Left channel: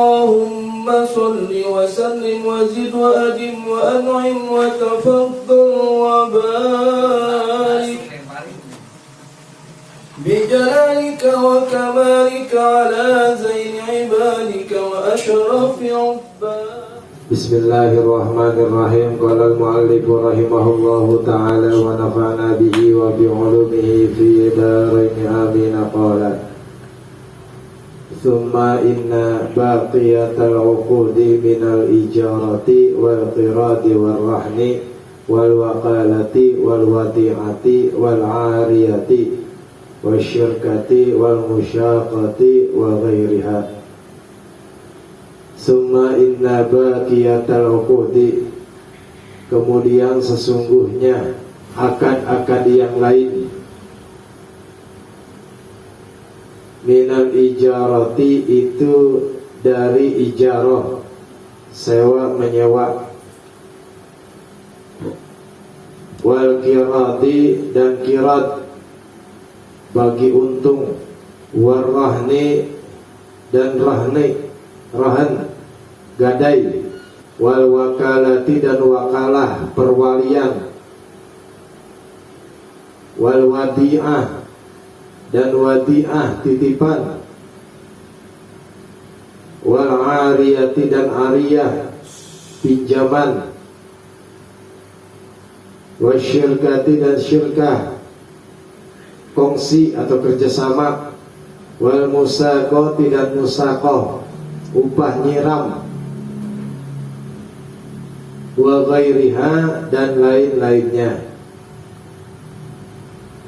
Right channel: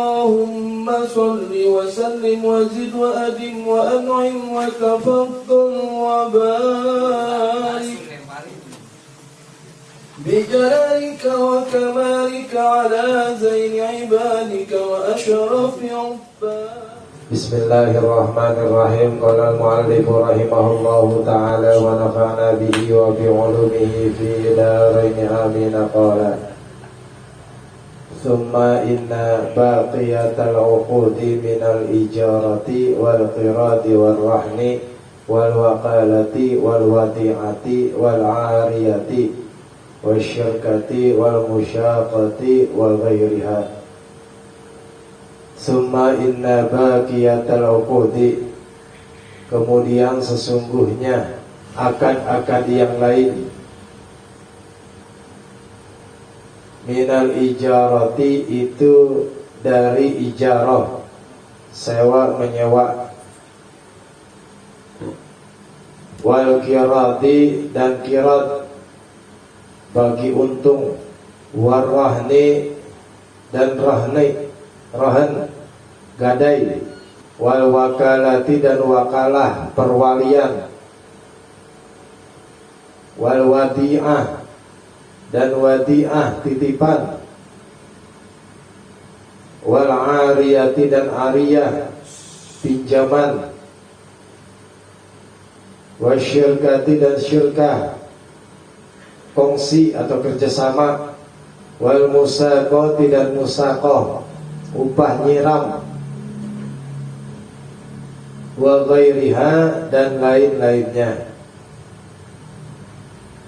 اللهم صل وسلم وزد وأدم وأنعم وتفضل وبارك بجلالك وكمالك على زين عبادك وأشرف عبادك. Bismillahirrahmanirrahim. Qala al-mu'allif rahimahullahu ta'ala wa nafa'na bihi wa bi'ulumihi fi darain amin. Qala thumma inna baqiyatal 'uqudi minal ijarati wal qiradi wal rahni wal waqalati wal wati'ati wal 'ariyati wasyirkati wal musyaqati wa ghairiha. Summa inna baqiyatal uqudi, kemudian sesungguhnya akad-akad yang lain, minal ijarati itu dari ijarah, sewa menyewa, wal kirati dan kirat bagi untung, warahni dan rahan gadai, wal wakalati dan wakalah perwalian, wal wadi'ah dan wadi'ah titipan, wal ariyati dan ariyah pinjaman, wasyirkati dan syirkah kongsi atau kerjasama, wal musaqati dan musaqah upah nyiram, wa ghairiha dan lain-lainnya,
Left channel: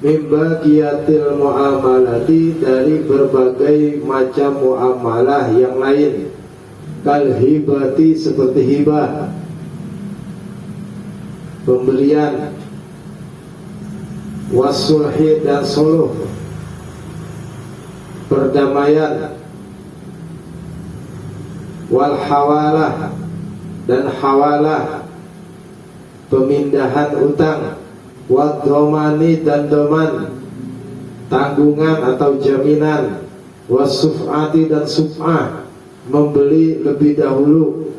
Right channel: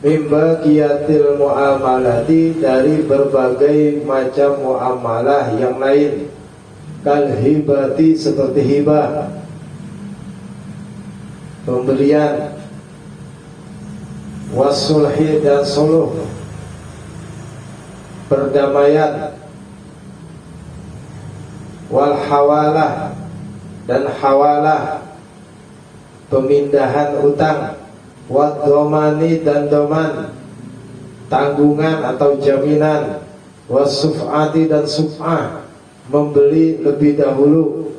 mimba kiyatil muamalati dari berbagai macam muamalah yang lain, kal hibati seperti hibah pemberian, wasulhi dan suluh perdamaian, wal hawalah dan hawalah pemindahan utang, wad domani dan doman tanggungan atau jaminan, wasuf'ati dan suf'ah membeli lebih dahulu,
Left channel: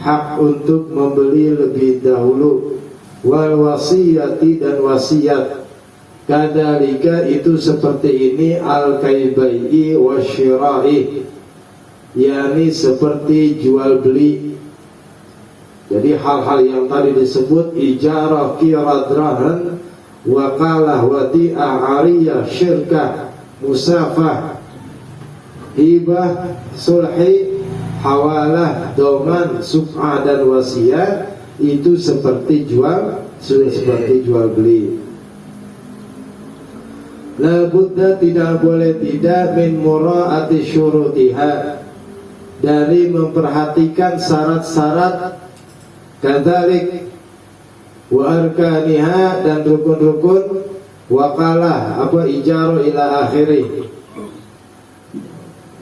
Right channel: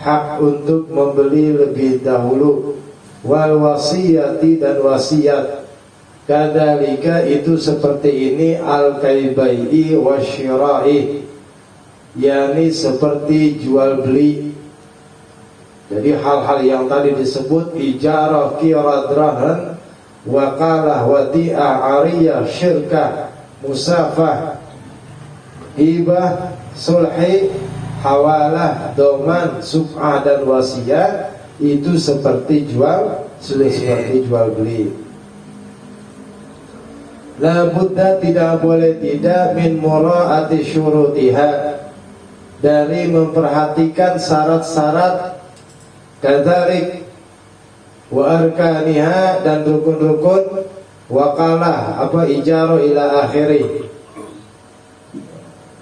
hak untuk membeli lebih dahulu, wal wasiyati dan wasiat. Kadalika itu seperti ini al-kaibai'i wasyira'i, yakni seperti jual beli. Jadi hal-hal yang tadi disebut ijarah, qirad, rahan, wakalah, wadi'ah, ariyah, syirkah, musafah, hibah, sulhi, hawalah, doman, suf'ah dan wasiat, itu seperti jual beli. La budda tidak boleh tidak min mura'ati syurutiha, dari memperhatikan syarat-syarat, kadzalik wa arkaniha dan rukun-rukun, wakalah ijarah ila akhiri.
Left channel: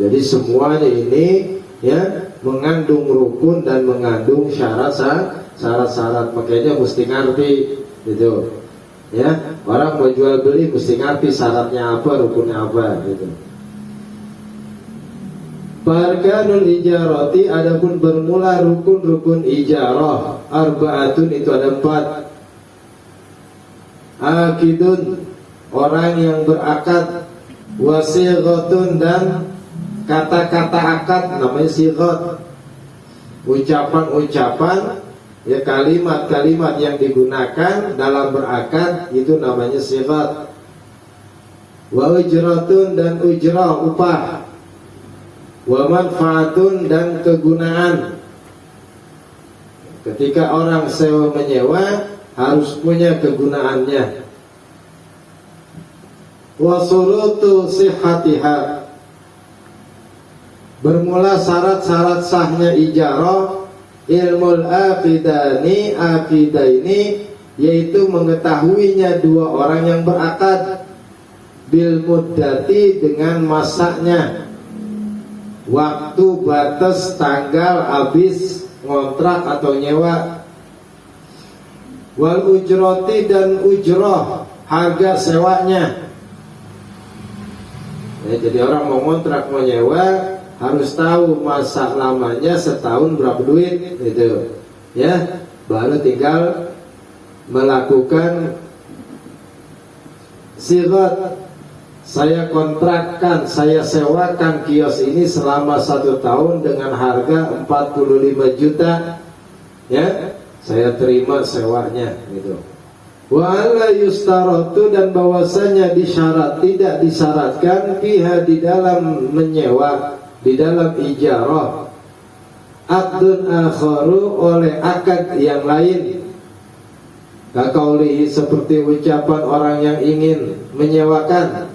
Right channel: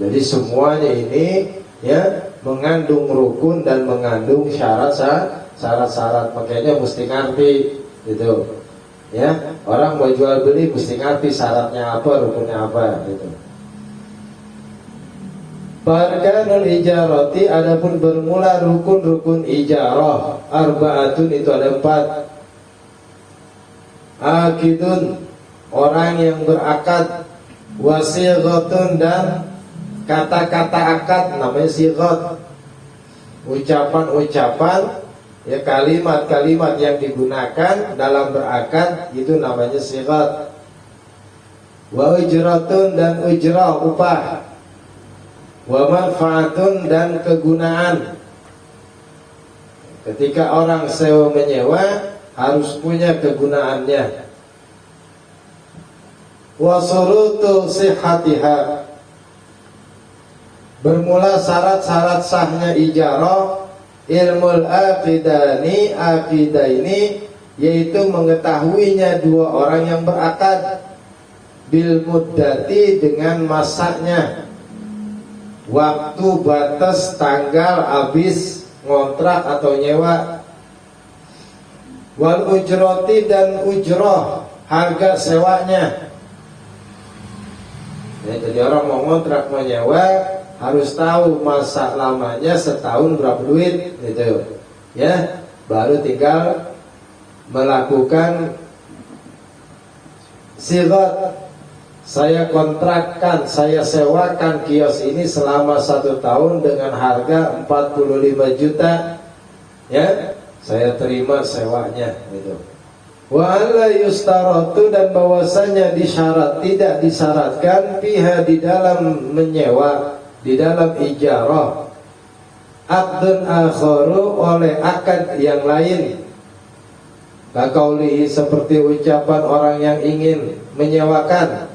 Jadi semuanya ini ya mengandung rukun dan mengandung syarat-syarat. Makanya mesti ngerti gitu. Ya, orang mau jual beli mesti ngerti syaratnya apa, rukunnya apa gitu. Arkanul ijarati, adapun bermula rukun-rukun ijarah, arba'atun itu ada 4. Akidun, orang yang berakad, wasighatun dan kata-kata akad namanya sighat. Ucapan-ucapan, ya kalimat-kalimat yang digunakan dalam berakad itu namanya sighat. Wa ujratun dan ujrah upah, wa manfaatun dan kegunaan. Ketika orang sewa menyewa harus punya kegunaannya. Wa surutu sihhatiha, bermula syarat-syarat sahnya ijarah, ilmul aqidaini, yaitu mengetahuinya dua orang yang berakad, bil muddati dengan masanya, waktu batas tanggal habis ngontrak atau nyewa, wal ujrati dan ujroh harga sewanya. Ya, jadi orang mau ngontrak mau nyewa harus tahu masa lamanya setahun berapa duit gitu. Ya, baru tinggal melakukan sirat. Saya kontrakkan, saya sewakan kios ini selama 1 tahun dengan harga 45 juta. Ya, saya terima sewanya gitu. Wa alla yustaratu, dan bahwasanya tidak disyaratkan fiha di dalam menyewa, di dalam ijarah, aqdun akharu, oleh akad yang lain. Kaqaulihi, seperti ucapan orang yang ingin menyewakan,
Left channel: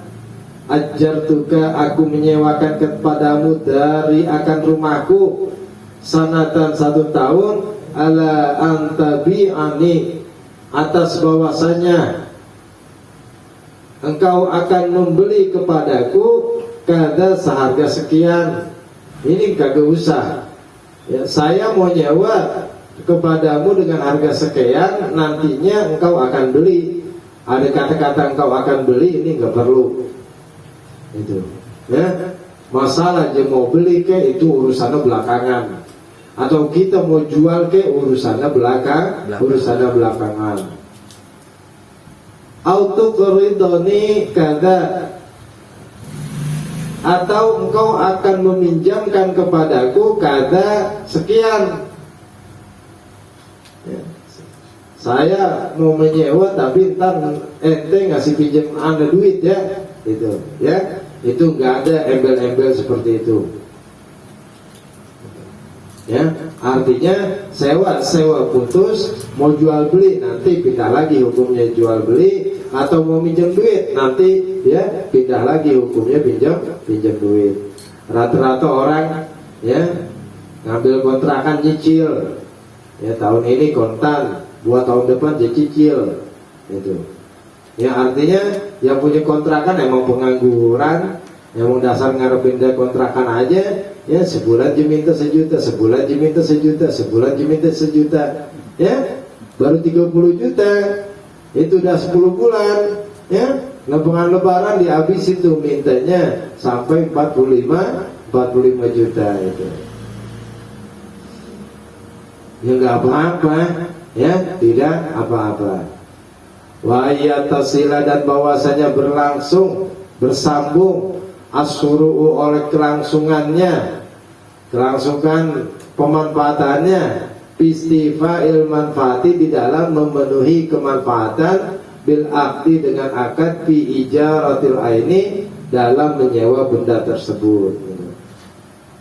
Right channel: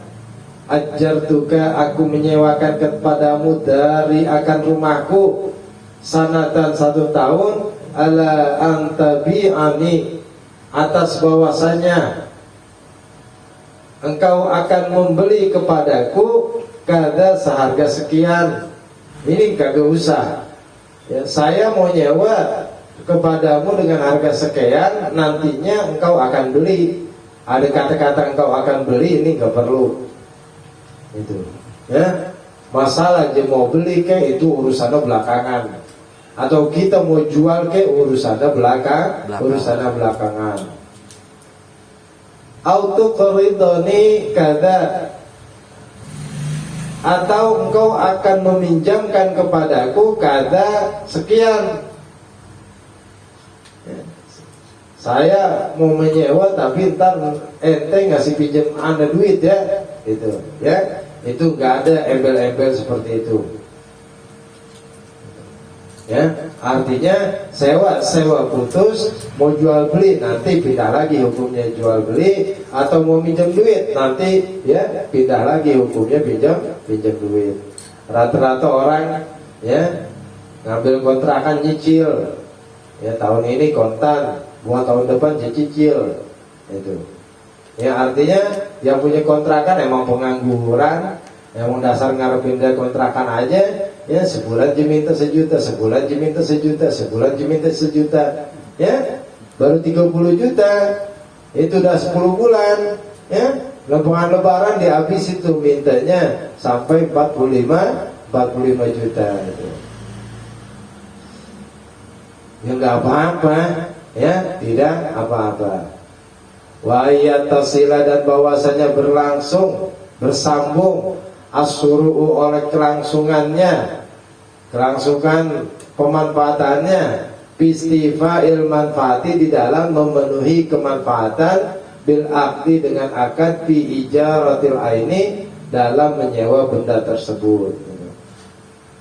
ajartuka, aku menyewakan kepadamu dari akan rumahku sanatan 1 tahun, ala antabi'ani, atas bahwasanya engkau akan membeli kepadaku kada seharga sekian. Ini kagak usah ya, saya mau nyewa kepadamu dengan harga sekian, nantinya engkau akan beli. Ada kata-kata engkau akan beli, ini nggak perlu itu ya. Masalah aja mau beli ke itu urusannya belakangan, atau kita mau jual ke urusannya belakangan. Auto keridoni kada, atau engkau akan meminjamkan kepadaku kada sekian ya. Saya mau menyewa tapi ntar ente ngasih pinjam anda duit ya, gitu ya. Itu nggak ada embel-embel seperti itu ya. Artinya sewa putus, mau jual beli nanti pindah lagi hukumnya jual beli, atau mau minjem duit nanti ya pindah lagi hukumnya pinjam duit. Rata-rata orang ya ngambil kontrakan nyicil ya, tahun ini kontan, buat tahun depan cicil itu ya. Artinya yang punya kontrakan emang pengangguran, emang dasar ngarepin dari kontrakan aja ya, sebulan diminta sejuta, sebulan diminta sejuta, sebulan diminta sejuta ya, baru 30 juta itu udah 10 bulan ya. Lebaran dihabis itu mintanya sampai 45 juta gitu. Ya nggak apa-apa ya, tidak apa-apa. Wa yatasila, dan bahwasanya berlangsung bersambung, asyuru'u, oleh kelangsungan pemanfaatannya, bistifa'il manfaati, di dalam memenuhi kemanfaatan, bil akdi, dengan akad, bi ijaratil aini, dalam menyewa benda tersebut.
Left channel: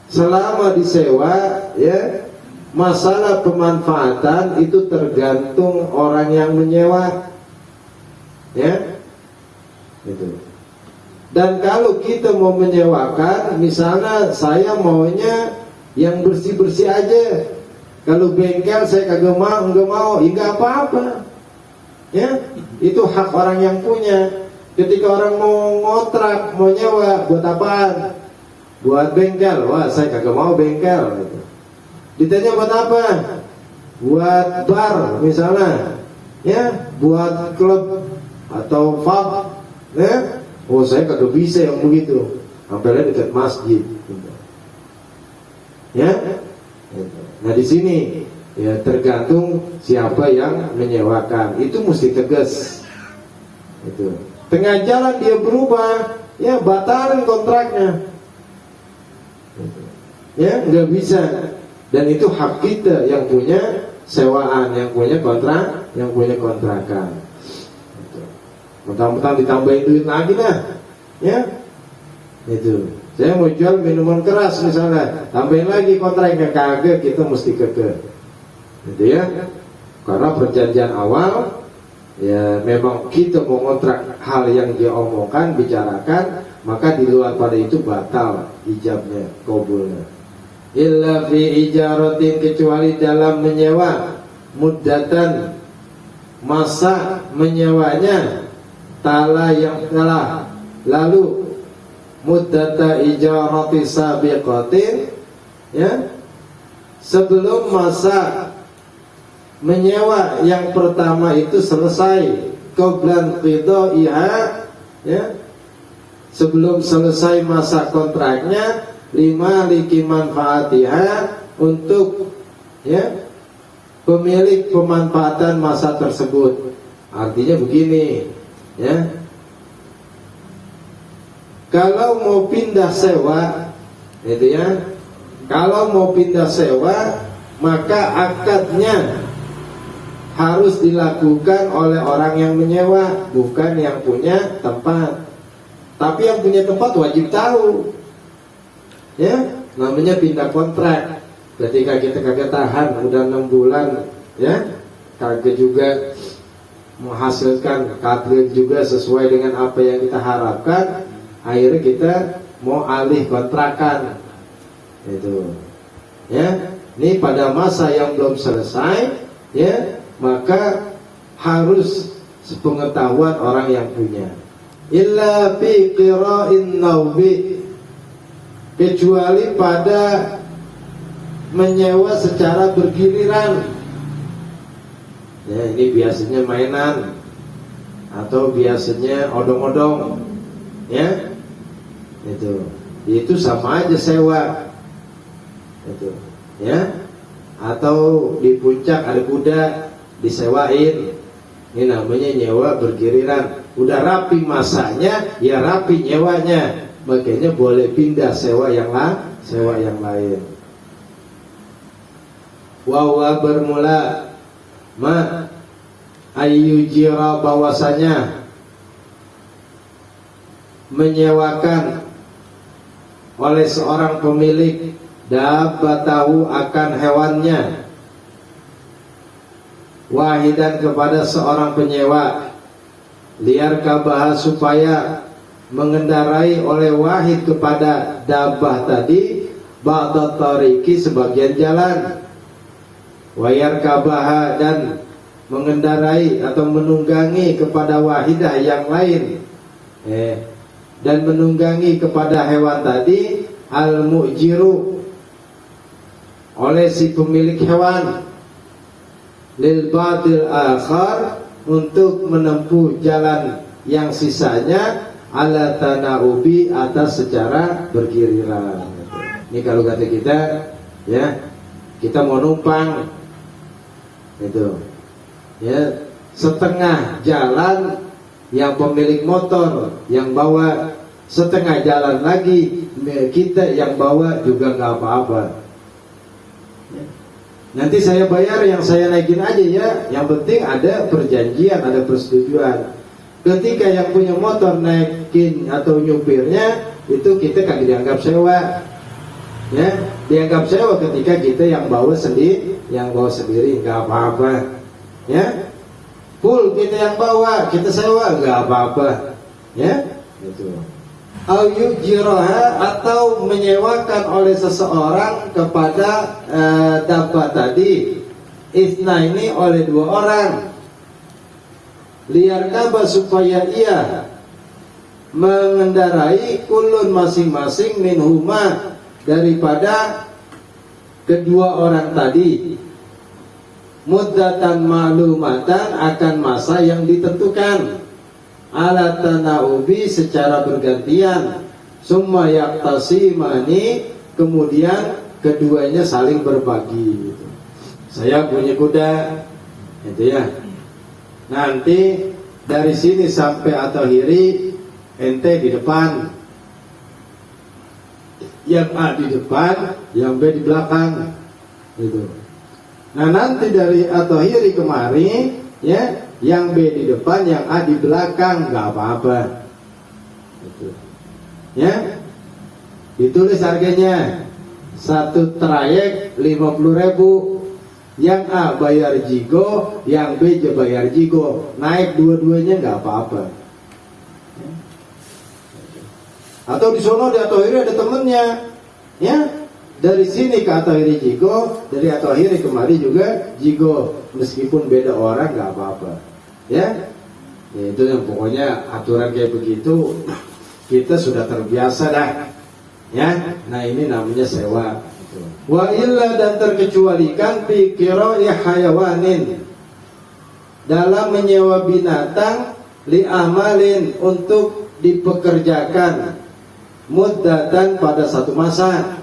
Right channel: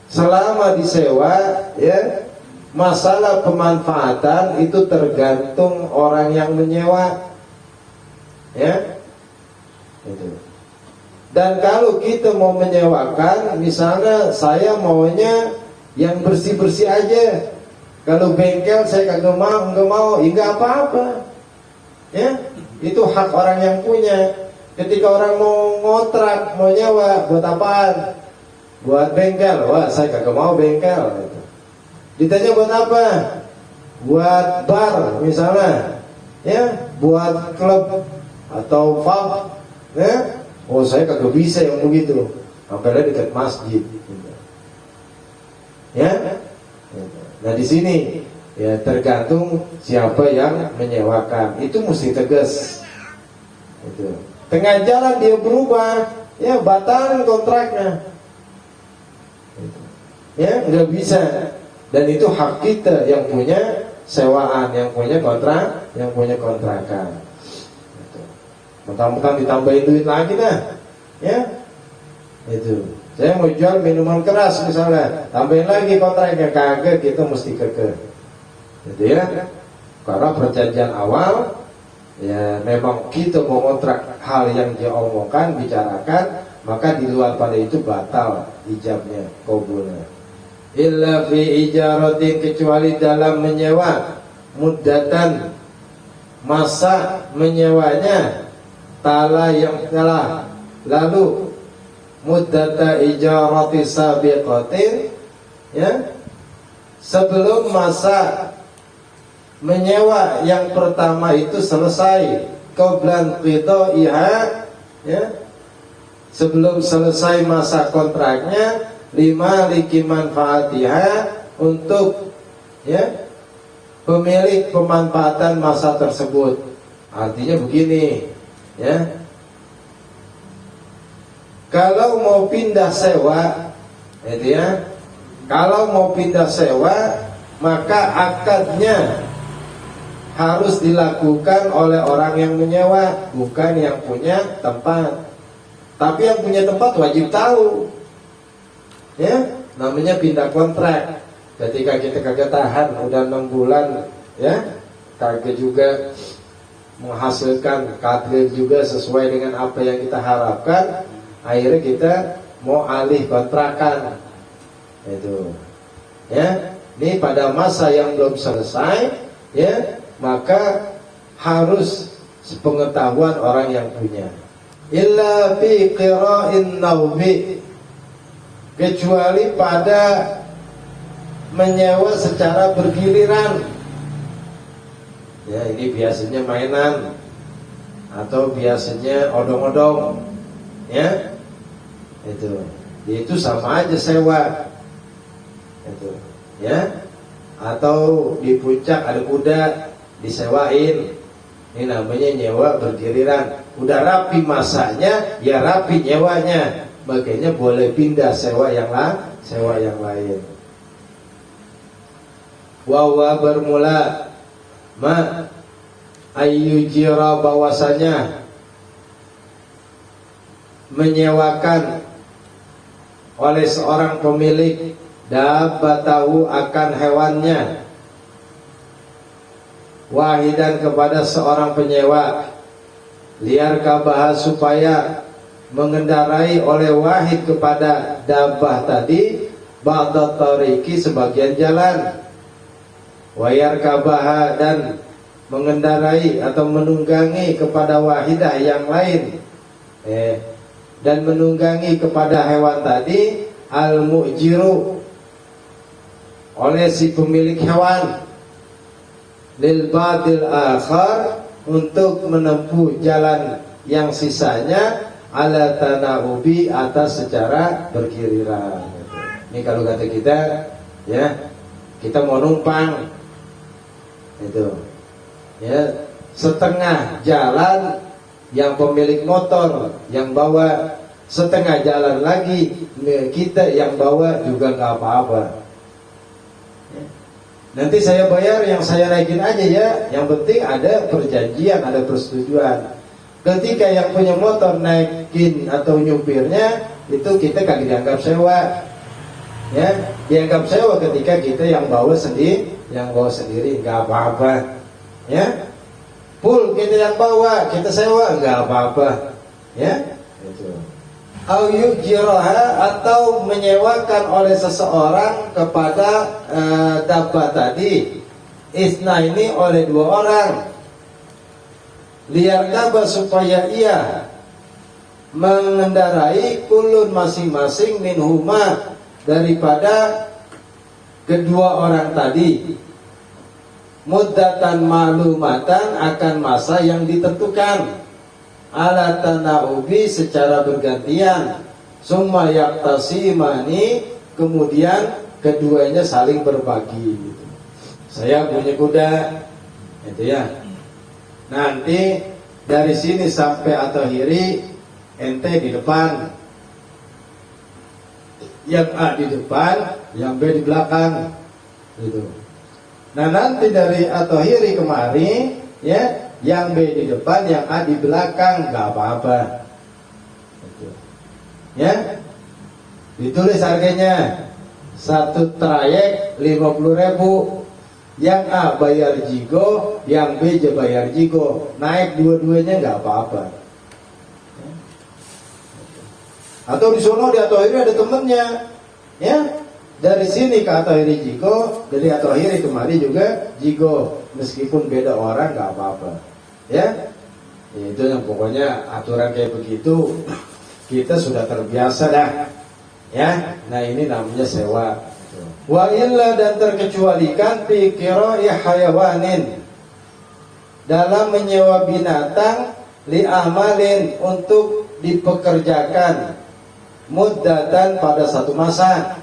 Selama disewa ya, masalah pemanfaatan itu tergantung orang yang menyewa ya itu. Dan kalau kita mau menyewakan, misalnya saya maunya yang bersih-bersih aja, kalau bengkel saya kagak mau, ya nggak apa-apa ya, itu hak orang yang punya. Ketika orang mau ngontrak, mau nyewa, buat apaan? Buat bengkel, wah saya kagak mau bengkel gitu. Ditanya buat apa? Buat bar misalnya ya, buat klub atau pub ya. Oh saya kagak bisa yang begitu, apalagi dekat masjid gitu. Ya. Nah di sini ya tergantung siapa yang menyewakan, itu mesti tegas itu. Tengah jalan dia berubah ya, batalkan kontraknya gitu. Ya nggak bisa. Dan itu hak kita yang punya sewaan, yang punya kontrak, yang punya kontrakan. Mentang-mentang ditambahin duit lagi dah ya itu. Saya mau jual minuman keras misalnya, tambahin lagi kontraknya, kagak, kita mesti keke gitu ya. Karena perjanjian awal ya memang kita mau kontrak hal yang dia omongkan, bicarakan, maka di luar pada itu batal ijabnya, kabulnya. Illa fi ijaratin, kecuali dalam menyewa, muddatan, masa menyewanya, tala yang telah lalu, muddata ijarati sabiqatin ya, sebelum masa menyewa yang pertama itu selesai, qablan qidaiha ya, sebelum selesai masa kontraknya, lima liki manfaatiha, untuk ya pemilik pemanfaatan masa tersebut. Artinya begini, ya, kalau mau pindah sewa, itu ya, kalau mau pindah sewa, maka akadnya harus dilakukan oleh orang yang menyewa, bukan yang punya tempat. Tapi yang punya tempat wajib tahu, ya, namanya pindah kontrak. Ketika kita kagak tahan udah 6 bulan, ya, kagak juga menghasilkan kadri juga sesuai dengan apa yang kita harapkan, akhirnya kita mau alih kontrakan, itu, ya. Ini pada masa yang belum selesai, ya, maka harus sepengetahuan orang yang punya. Illa fi qira'in naumi, kecuali pada menyewa secara bergiliran. Ya, ini biasanya mainan atau biasanya odong-odong, ya. Itu sama aja sewa. Itu, ya. Atau di puncak ada kuda disewain, ini namanya nyewa bergiliran. Udah rapi masanya, ya rapi nyewanya, makanya boleh pindah sewa yang lain. Wawa bermula ma ayyujira, bahwasanya menyewakan oleh seorang pemilik dabbatahu, akan hewannya, wahidan, kepada seorang penyewa, liar kabah, supaya mengendarai oleh wahid kepada dabbah tadi, ba'da tariki, sebagian jalan, wayar kabah, dan mengendarai atau menunggangi kepada wahidah yang lain, dan menunggangi kepada hewan tadi, al-mu'jiru, oleh si pemilik hewan, lil badil akhar, untuk menempuh jalan yang sisanya, ala tanaubi, atas secara bergiliran. Ini kalau kata kita, ya, kita mau numpang, gitu, ya, setengah jalan yang pemilik motor yang bawa, setengah jalan lagi kita yang bawa, juga nggak apa-apa. Nanti saya bayar, yang saya naikin aja ya. Yang penting ada perjanjian, ada persetujuan. Ketika yang punya motor naikin atau nyupirnya, itu kita kan dianggap sewa, ya, dianggap sewa ketika kita yang bawa sendiri, nggak apa-apa, ya. Full kita yang bawa, kita sewa, nggak apa-apa, ya. Itu. Au yujiraha, atau menyewakan oleh seseorang kepada dabbah tadi, isna, ini oleh 2 orang, liar kabah, supaya ia mengendarai, kulun, masing-masing, minhuma, daripada kedua orang tadi, muddatan ma'lumatan, akan masa yang ditentukan, ala tanaubi, secara bergantian, summa yaktasimani, kemudian keduanya saling berbagi, gitu. Saya punya kuda, gitu ya, nanti dari sini sampai Atohiri ente di depan, yang A di depan, yang B di belakang, gitu. Nah nanti dari Atohiri kemari, ya, yang B di depan, yang A di belakang, nggak apa-apa, gitu. Ya, ditulis harganya, satu trayek 50.000, yang A bayar jigo, yang B bayar jigo, naik dua-duanya nggak apa-apa. Atau di sono di Atohiri ada temennya, ya, dari sini ke Atohiri jigo, dari Atohiri kemari juga jigo, meskipun beda orang nggak apa-apa, ya. Itu yang pokoknya aturan kayak begitu kita sudah terbiasa dah, ya. Nah ini namanya sewa. Wa illa, dan terkecualikan fi qira'i hayawanin, dalam menyewa binatang, li amalin, untuk dipekerjakan muddatan pada satu masa,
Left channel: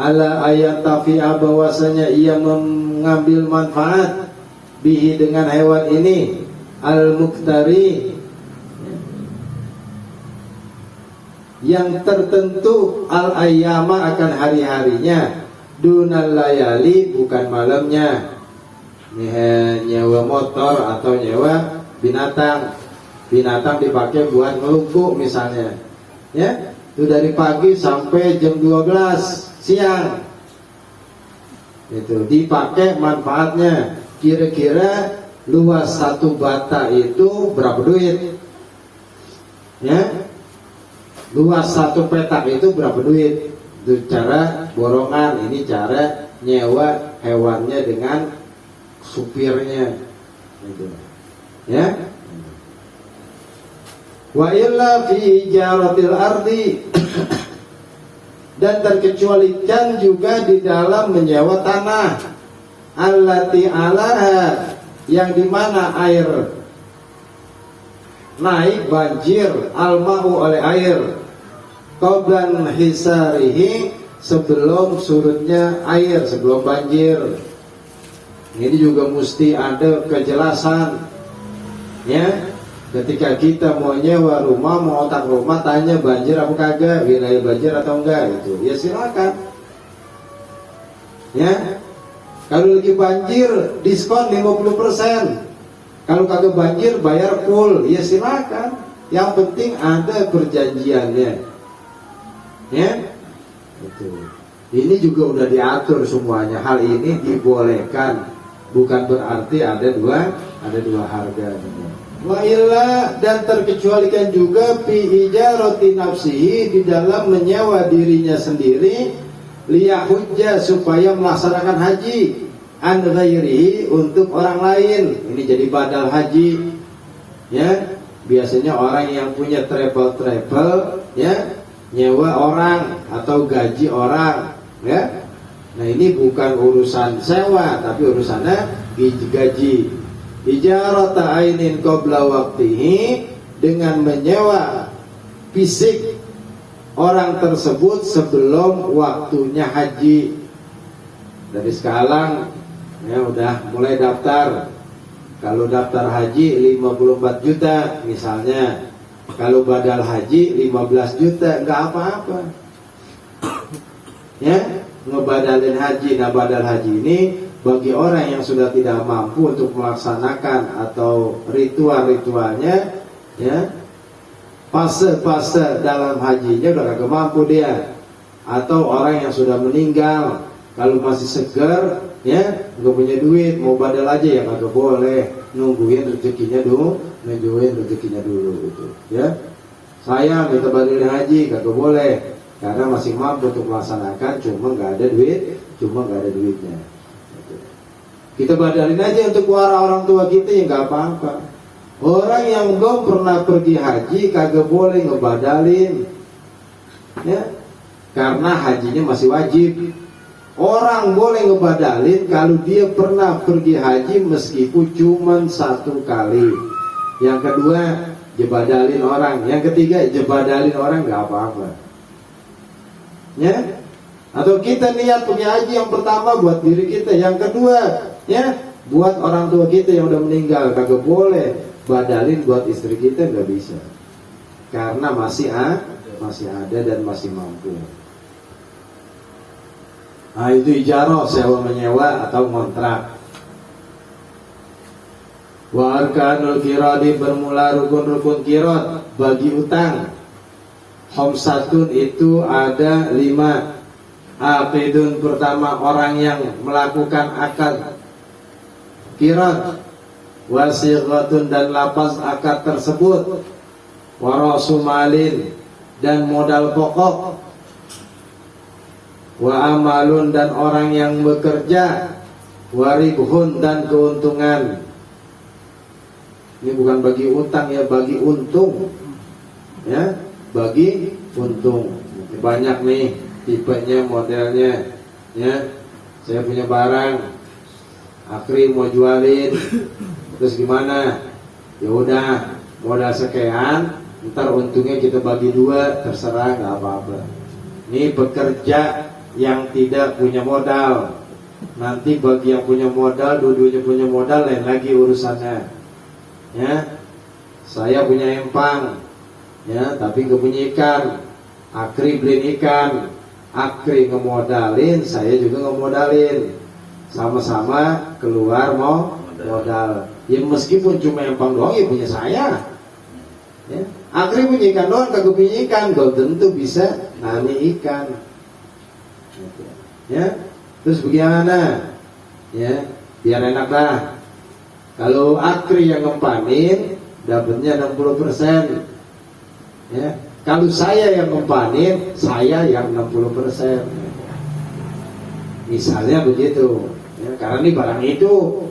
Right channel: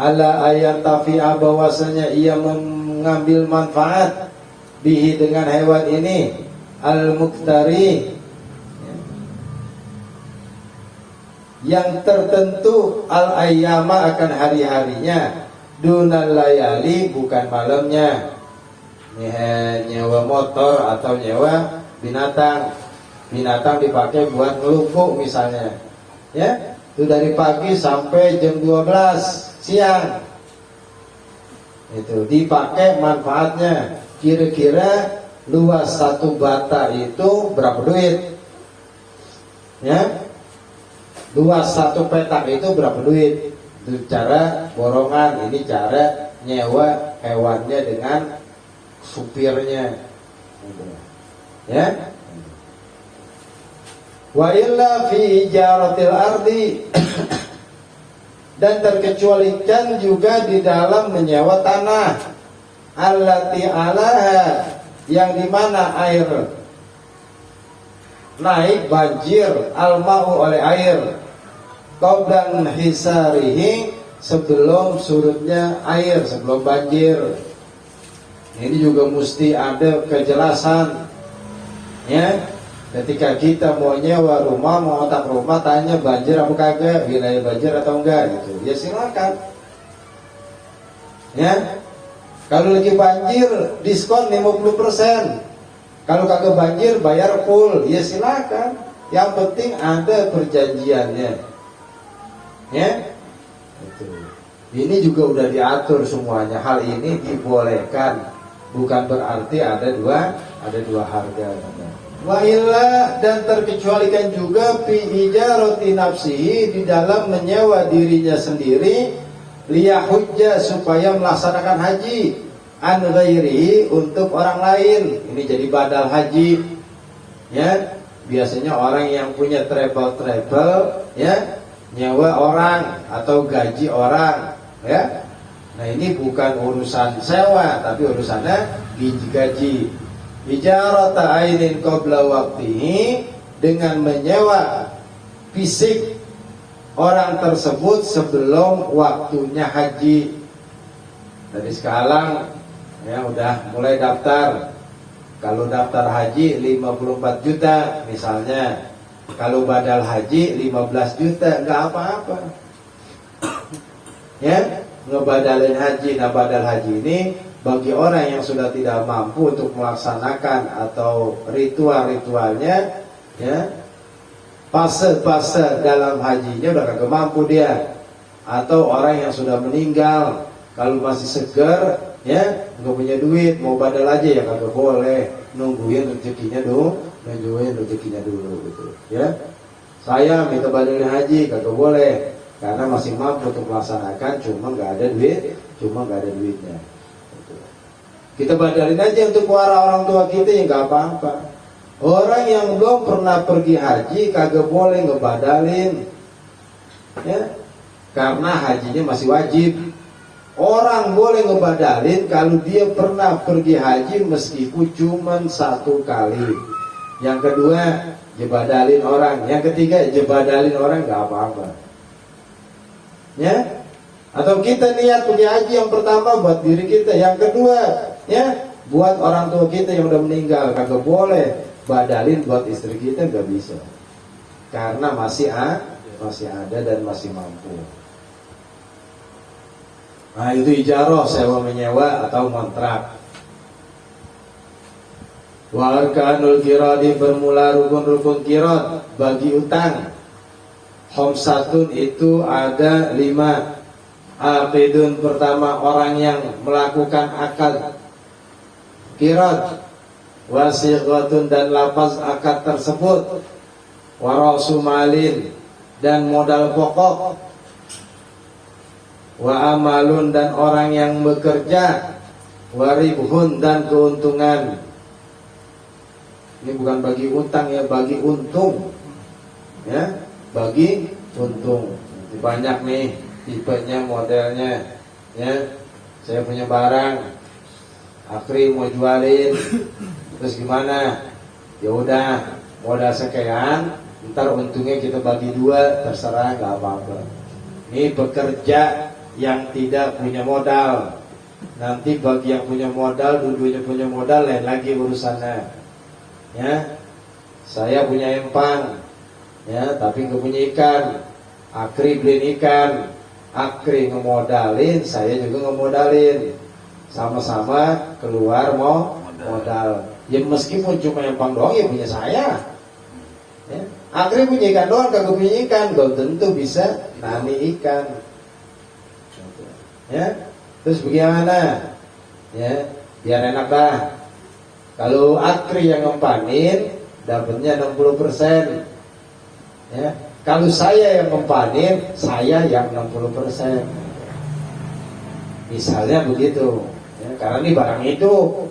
ala ayat tafi'a bahwasanya ia mengambil manfaat bihi dengan hewan ini, al-muqtari yang tertentu, al-ayyama akan hari-harinya, dunal layali bukan malamnya. Nyewa motor atau nyewa binatang dipakai buat ngelumpuk misalnya, ya, itu dari pagi sampai jam 12 siang, itu dipakai manfaatnya. Kira-kira luas satu bata itu berapa duit, ya, luas satu petak itu berapa duit. Itu cara borongan, ini cara nyewa hewannya dengan supirnya, gitu. Ya. Wa illa fi ijaratil ardi dan terkecualikan juga di dalam menyewa tanah, allati alaha yang dimana air naik banjir, alma'u oleh air, qablan hisarihi sebelum surutnya air, sebelum banjir. Ini juga mesti ada kejelasan, ya. Ketika kita mau nyewa rumah, mau otak rumah, tanya banjir apa kagak, wilayah banjir atau enggak, itu ya silakan, ya. Kalau lagi banjir diskon 50%, kalau kagak banjir bayar full, ya silakan. Yang penting ada perjanjiannya, ya. Betul. Ini juga udah diatur semuanya. Hal ini dibolehkan, bukan berarti ada dua harga. Wa illa dan terkecualikan juga fi ijarati nafsihi di dalam menyewa dirinya sendiri, liyahujja supaya melaksanakan haji, an ghairihi untuk orang lain. Ini jadi badal haji, ya. Biasanya orang yang punya travel, ya, nyewa orang atau gaji orang, ya. Nah ini bukan urusan sewa, tapi urusannya gaji. Ijarata ainin qabla waqtihi, dengan menyewa fisik orang tersebut sebelum waktunya haji. Dari sekarang, ya, udah mulai daftar. Kalau daftar haji 54 juta misalnya, kalau badal haji 15 juta, enggak apa-apa, ya, ngebadalin haji. Nah badal haji ini bagi orang yang sudah tidak mampu untuk melaksanakan atau ritual-ritualnya, ya, fase-fase dalam hajinya udah kagak mampu dia, atau orang yang sudah meninggal, kalau masih seger, ya, nggak punya duit, mau badal aja ya kagak boleh, nungguin rezekinya dulu, gitu, ya. Saya minta badalin haji kagak boleh, karena masih mampu untuk melaksanakan, cuma nggak ada duitnya. Kita badalin aja untuk para orang tua kita, ya nggak apa-apa. Orang yang belum pernah pergi haji kagak boleh ngebadalin, ya, karena hajinya masih wajib. Orang boleh ngebadalin kalau dia pernah pergi haji meskipun cuma 1 kali. Yang kedua, jebadalin orang. Yang ketiga, jebadalin orang, nggak apa-apa, ya. Atau kita niat pergi haji yang pertama buat diri kita, yang kedua, ya, buat orang tua kita yang udah meninggal, kagak boleh badalin buat istri kita, nggak bisa, karena masih ada dan masih mampu. Nah itu ijarah, sewa menyewa atau kontrak. Wa arkanul qiradi, bermula rukun-rukun qirad bagi utang. Khamsatun itu ada 5. Aqidun, pertama orang yang melakukan akad qirad, wasiqatun dan lafaz akad tersebut, warasumalin dan modal pokok, wa amalun dan orang yang bekerja, waribhun dan keuntungan. Ini bukan bagi utang, ya, bagi untung, ya, bagi untung. Banyak nih tipenya, modelnya, ya. Saya punya barang, Akri mau jualin, terus gimana? Ya udah, modal sekian, Ntar untungnya kita bagi 2, terserah, nggak apa-apa. Ini pekerja yang tidak punya modal. Nanti bagi yang punya modal, dua-duanya punya modal, lain lagi urusannya. Ya, saya punya empang, ya, tapi nggak punya ikan. Akri beli ikan, Akri ngemodalin, saya juga ngemodalin. Sama-sama keluar mau modal. Ya meskipun cuma empang doang, ya punya saya. Ya. Akri punya ikan doang, kagak punya ikan, belum tentu bisa nani ikan. Ya, terus bagaimana? Ya, biar enak dah. Kalau Akri yang ngempanin, dapatnya 60%. Ya, kalau saya yang ngempanin, saya yang 60%. Misalnya begitu. Ya, karena ini barang hidup.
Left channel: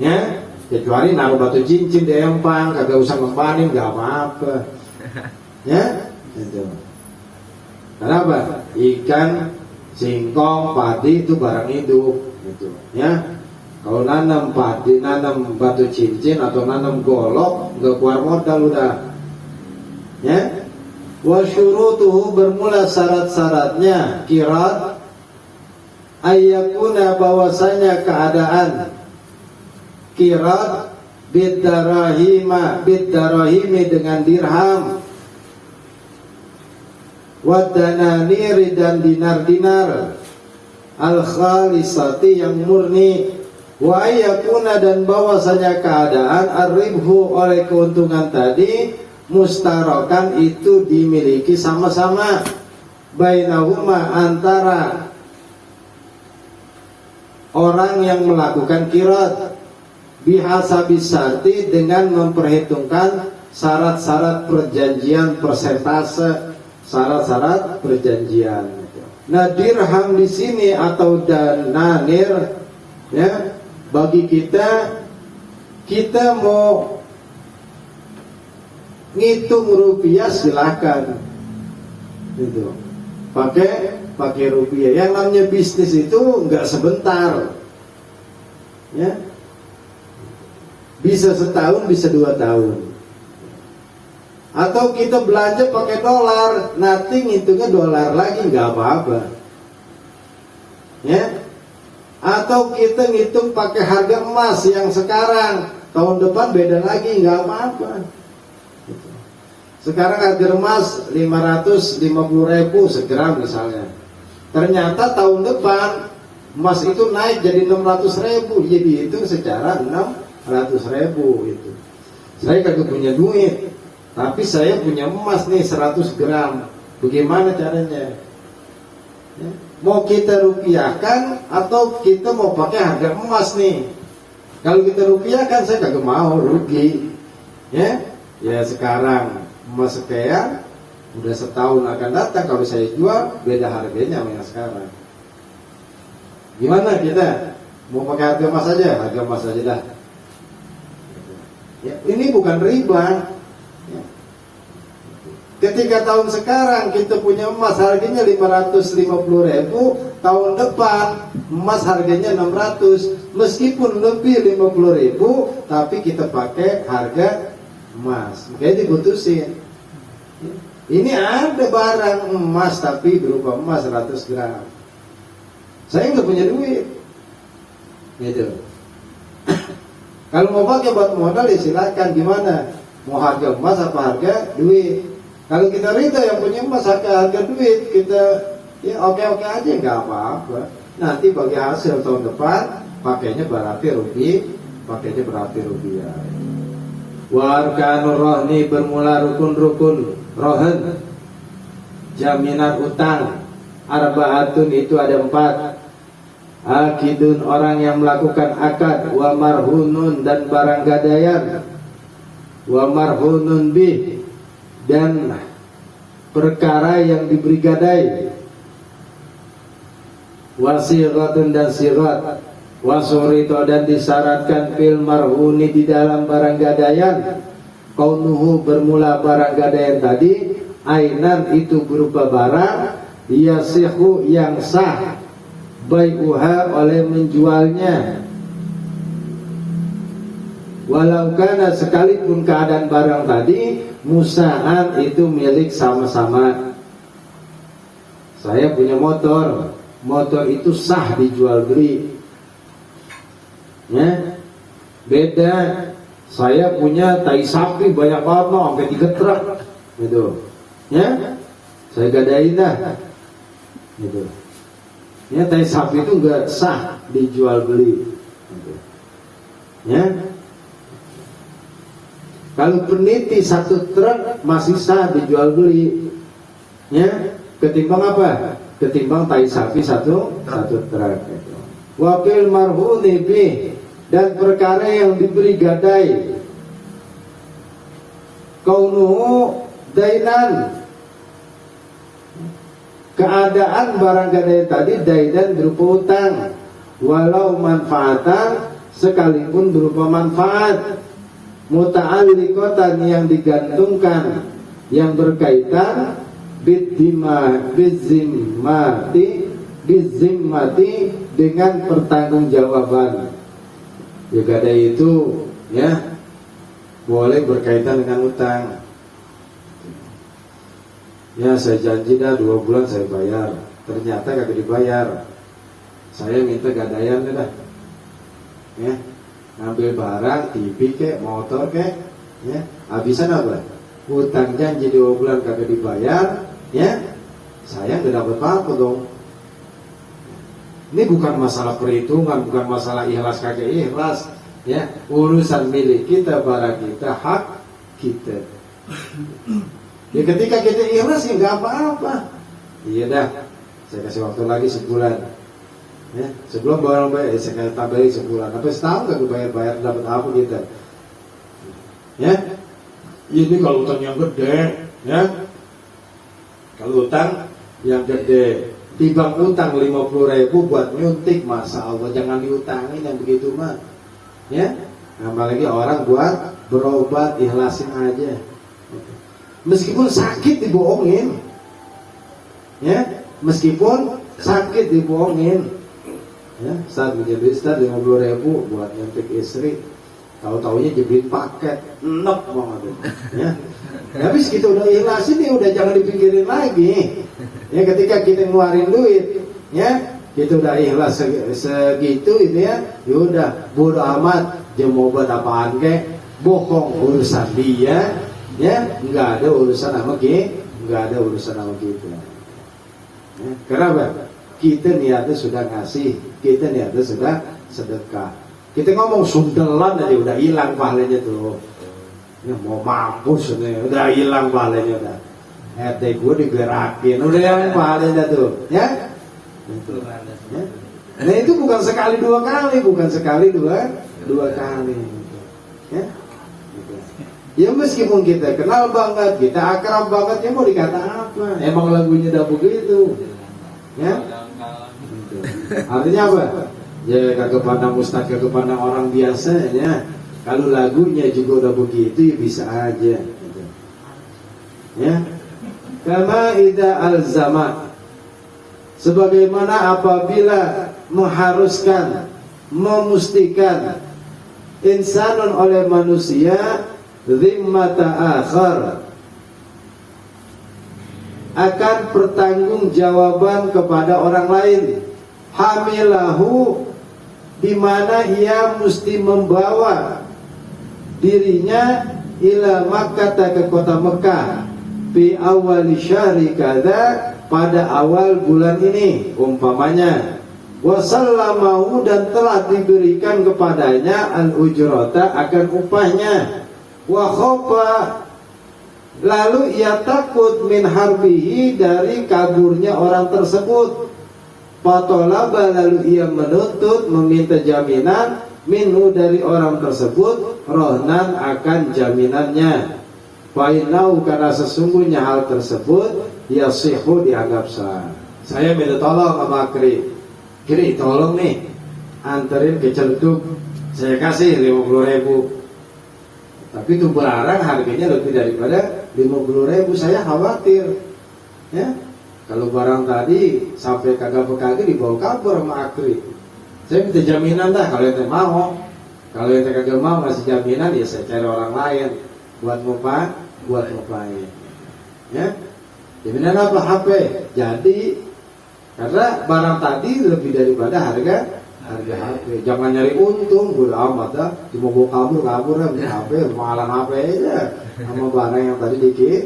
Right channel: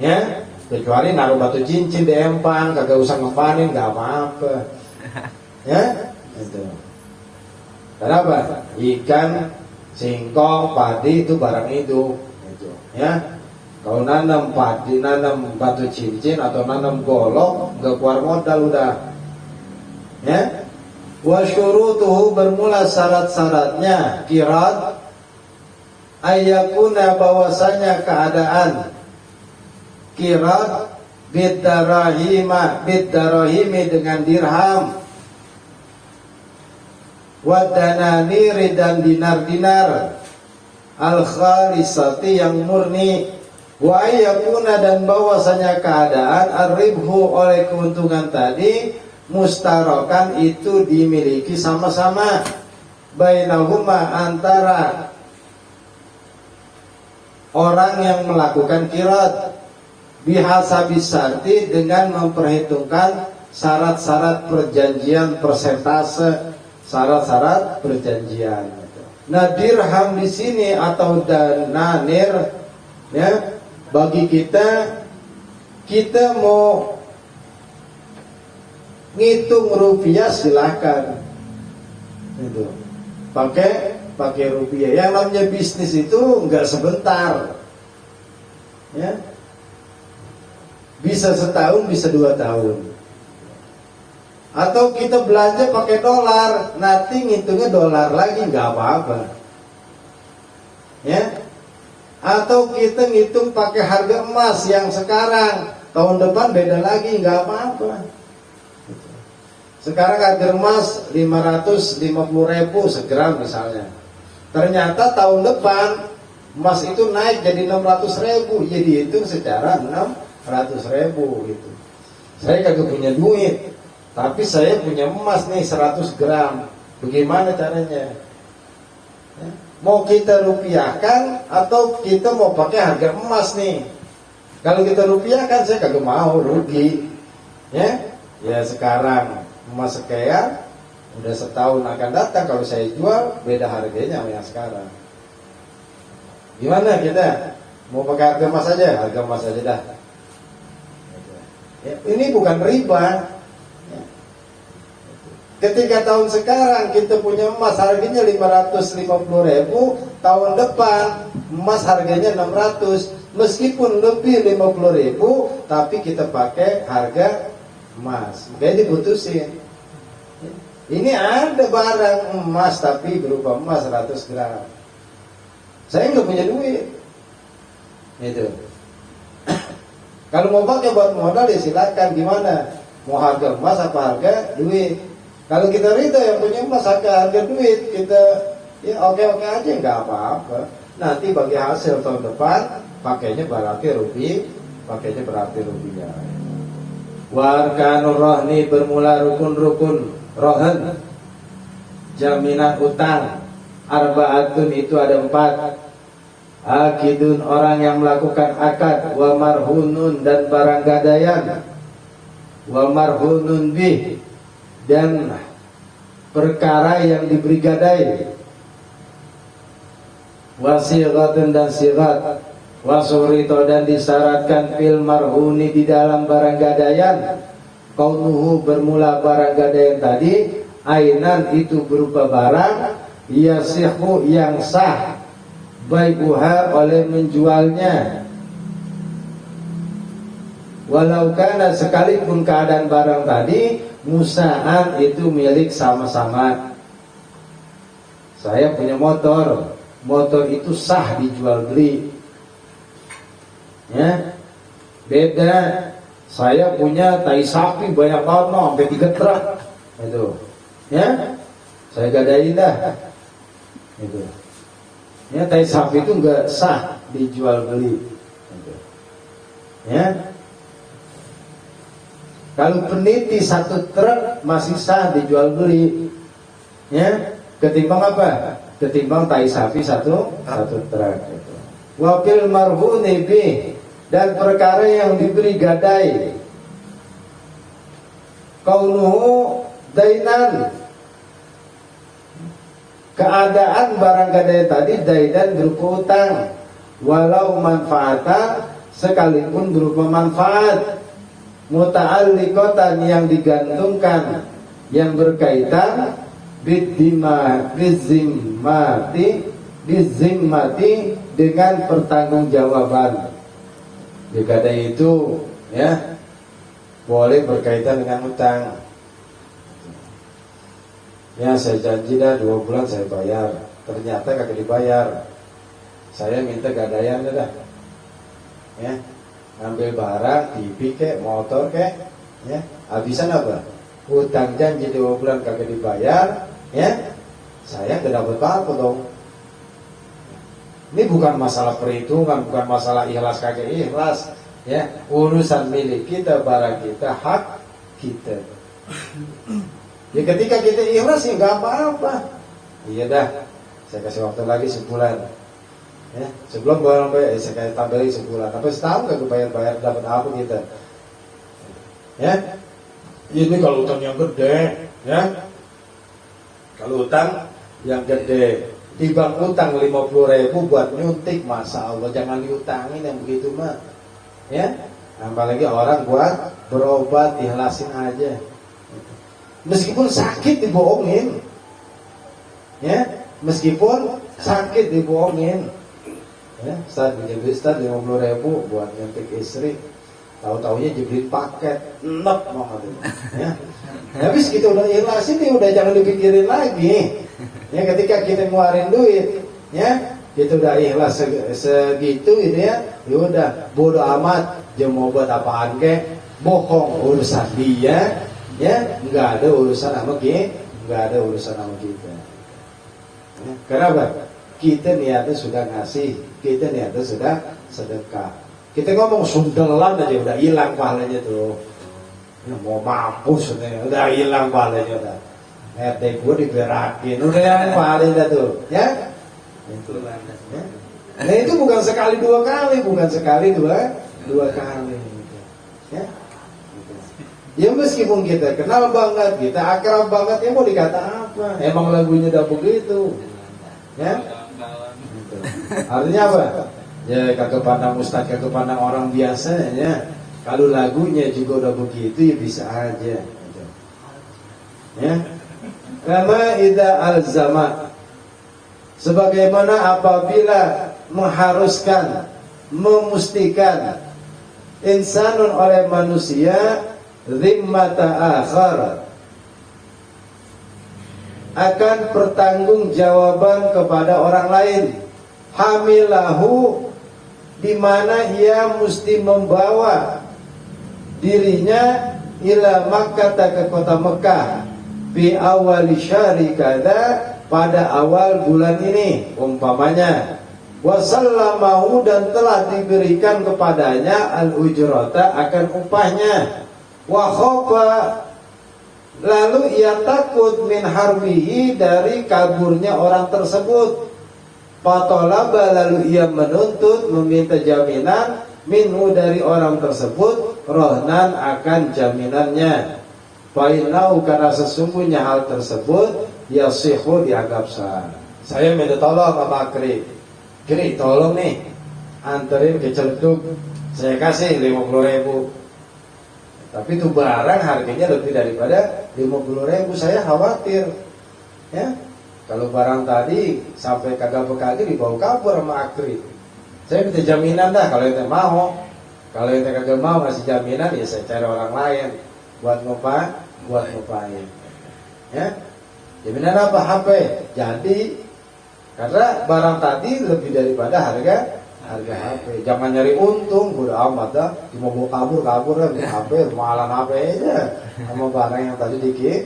Ya, kecuali naruh batu cincin di empang, kagak usah ngempanin, nggak apa-apa. Ya, itu. Kenapa? Ikan, singkong, padi itu barang hidup, gitu. Ya, kalau nanam padi, nanam batu cincin atau nanam golok, nggak keluar modal udah. Ya, wa syurutuhu bermula syarat-syaratnya kirat ayakuna bahwasanya keadaan kirat bidarahimi dengan dirham, wadananiri dan dinar-dinar, al-khalisati yang murni, wa ayakuna dan bahwasanya keadaan ar-ribhu oleh keuntungan tadi mustarakan itu dimiliki sama-sama bainahuma antara orang yang melakukan kirat bihasabis syarti dengan memperhitungkan syarat-syarat perjanjian, persentase syarat-syarat perjanjian. Nah, dirham di sini atau dananir, ya, bagi kita mau ngitung rupiah silakan, itu pakai rupiah. Yang namanya bisnis itu nggak sebentar, ya, bisa setahun, bisa 2 tahun. Atau kita belanja pakai dolar, nanti ngitungnya dolar lagi, nggak apa-apa, ya. Atau kita ngitung pakai harga emas yang sekarang, tahun depan beda lagi, nggak apa-apa. Sekarang harga emas 550.000 segram misalnya. Ternyata tahun depan emas itu naik jadi 600.000, jadi itu secara 600.000 gitu. Saya kagak punya duit, tapi saya punya emas nih 100 gram. Bagaimana caranya? Ya, mau kita rupiahkan atau kita mau pakai harga emas nih? Kalau kita rupiahkan saya kagak mau, rugi. Ya sekarang emas sekian, udah setahun akan datang kalau saya jual beda harganya sama yang sekarang. Gimana kita? Mau pakai harga emas aja? Harga emas aja dah. Ya, ini bukan riba. Ya. Ketika tahun sekarang kita punya emas harganya 550.000, tahun depan emas harganya 600, meskipun lebih 50.000, tapi kita pakai harga emas. Makanya diputusin. Ini ada barang emas tapi berupa emas 100 gram. Saya nggak punya duit, gitu. Kalau mau pakai buat modal ya silakan. Gimana? Mau harga emas apa harga duit? Kalau kita ridho yang punya emas harga duit, kita ya oke-oke aja, nggak apa-apa. Nanti bagi hasil tahun depan pakainya berarti rupiah. Warkanur rohni bermula rukun-rukun rohan, jaminan utang. Arbaatun itu ada 4. Akidun orang yang melakukan akad, wa marhunun dan barang gadaian, wa marhunun bih dan perkara yang diberi gadai, wa sighatun dan sighat, wa surito dan disyaratkan fil marhuni di dalam barang gadaian, kaunuhu bermula barang gadaian tadi, ainan itu berupa barang, yasihu yang sah baikuha oleh menjualnya, walau kana sekalipun keadaan barang tadi musaan itu milik sama-sama. Saya punya motor, motor itu sah dijual beli. Ya, beda. Saya punya tai sapi banyak banget, sampai 3 truk, gitu. Ya, saya gadain dah, gitu. Ya, tai sapi itu nggak sah dijual beli. Gitu. Ya, kalau peniti 1 truk masih sah dijual beli. Ya, ketimbang apa? Ketimbang tai sapi satu truk. Gitu. Wafil marhuni bi, dan perkara yang diberi gadai, kaunuhu dainan, keadaan barang gadai tadi dainan berupa utang, walau manfaatan, sekalipun berupa manfaat, muta'alliqatan yang digantungkan, yang berkaitan bizimmati dengan pertanggungjawaban. Gadai itu ya boleh berkaitan dengan utang. Ya, saya janji dah 2 bulan saya bayar, ternyata kagak dibayar. Saya minta gadaian dah. Ya, ngambil barang, TV kek, motor kek, ya, habisan apa? Utang janji 2 bulan kagak dibayar, ya, saya tidak dapat apa dong. Ini bukan masalah perhitungan, bukan masalah ikhlas kagak ikhlas, ya, urusan milik kita, barang kita, hak kita. Ya, ketika kita ikhlas ya nggak apa-apa. Iya dah, saya kasih waktu lagi sebulan. Ya, sebelum barang bayar, saya kasih tambahin sebulan. Tapi setahun kagak bayar dapat apa kita? Ya, ini kalau utang yang gede, ya, kalau utang yang gede. Timbang utang 50.000 buat nyuntik, masa Allah jangan diutangin yang begitu mah. Ya, apalagi orang buat berobat, ikhlasin aja. Meskipun sakit dibohongin, ya, meskipun sakit dibohongin. Ya, saat menjadi Ustaz 50.000 buat nyuntik istri, tahu-taunya jeblit paket, enak banget. Ya, tapi segitu udah ikhlasin nih, udah jangan dipikirin lagi. Ya, ketika kita ngeluarin duit, ya, kita udah ikhlas segitu itu ya, udah bodo amat, dia mau buat apaan kek, bohong urusan dia, ya, nggak ada urusan sama kita, nggak ada urusan sama kita. Ya, kenapa? Kita niatnya sudah ngasih, kita niatnya sudah sedekah. Kita ngomong sundelan aja udah hilang pahalanya tuh. Ya, mau mampus udah hilang pahalanya dah. RT gue digerakin, udah yang pahalanya tuh, ya. Nah itu bukan sekali 2 kali, bukan sekali dua kali. Ya. Ya meskipun kita kenal banget, kita akrab banget, ya mau dikata apa? Emang lagunya udah begitu. Ya. Artinya apa? Ya kagak pandang ustaz, kagak pandang orang biasa, ya. Kalau lagunya juga udah begitu, ya bisa aja. Ya. Kama idza alzama, sebagaimana apabila mengharuskan, memustikan insanun oleh manusia zimmata akhar, akan pertanggungjawaban kepada orang lain, hamilahu, di mana ia mesti membawa dirinya ila Makkah, ke kota Mekah, fi awal syahri kada, pada awal bulan ini umpamanya, wasallamahu, dan telah diberikan kepadanya al-ujrata, akan upahnya, wa khofa, lalu ia takut min harbihi, dari kaburnya orang tersebut, fatolaba, lalu ia menuntut, meminta jaminan, minhu, dari orang tersebut, rohnan, akan jaminannya. Fainau, karena sesungguhnya hal tersebut yasihu, dianggap sah. Saya minta tolong sama Kri, tolong nih anterin ke Celduk, saya kasih 50.000. Tapi itu barang harganya lebih daripada 50.000, saya khawatir, ya, kalau barang tadi sampai kagak dibawa kabur sama Kri. Saya minta jaminan dah, kalau ente mau. Kalau ente kagak mau kasih jaminan, ya saya cari orang lain buat buat ngapain? Ya, benar apa HP? Jadi karena barang tadi lebih daripada harga HP. Jangan nyari untung, bodo amat dah. Cuma bawa kabur ya, beli HP, malah HP aja sama barang yang tadi dikit.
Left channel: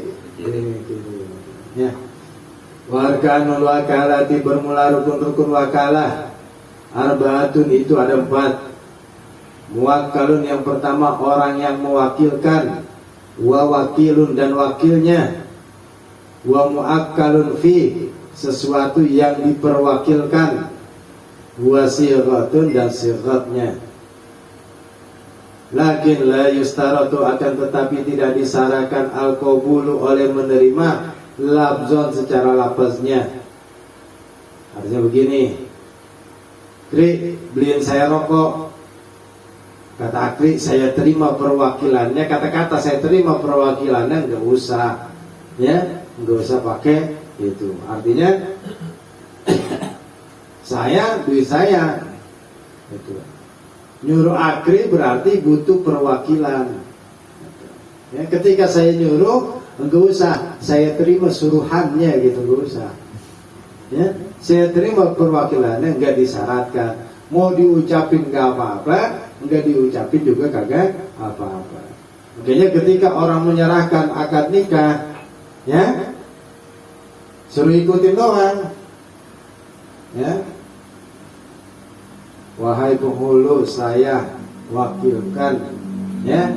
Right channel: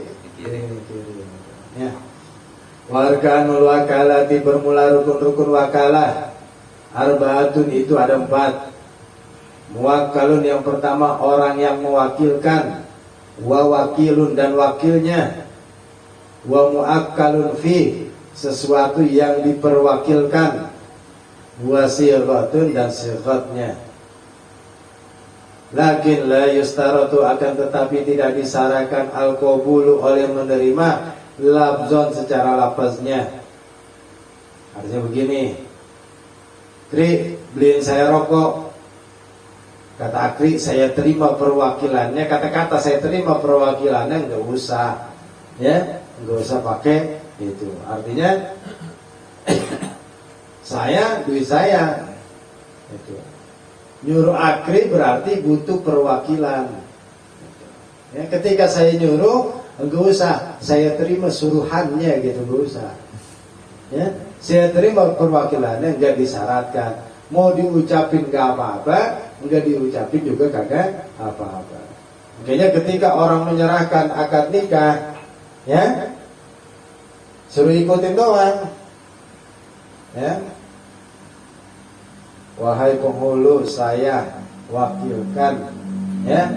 Ya. Warkanul wakalati, bermula rukun-rukun wakalah. Arbaatun, itu ada 4. Muwakkalun, yang pertama orang yang mewakilkan. Wa wakilun, dan wakilnya. Wa muakkalun fi, sesuatu yang diperwakilkan. Wa sighatun, dan sighatnya. Lakin la yustaratu, akan tetapi tidak disyaratkan al-qabulu, oleh menerima labzon, secara lafaznya. Artinya begini, Kri, beliin saya rokok. Kata Akri, saya terima perwakilannya. Kata-kata saya terima perwakilannya, nggak usah, ya, nggak usah pakai itu. Artinya saya, duit saya, itu. Nyuruh Akri berarti butuh perwakilan. Ya, ketika saya nyuruh, nggak usah saya terima suruhannya, gitu, nggak usah. Ya, saya terima perwakilannya, nggak disyaratkan. Mau diucapin nggak apa-apa, nggak diucapin juga kagak apa-apa. Makanya ketika orang menyerahkan akad nikah, ya, suruh ikutin doang, ya. Wahai penghulu, saya wakilkan, ya,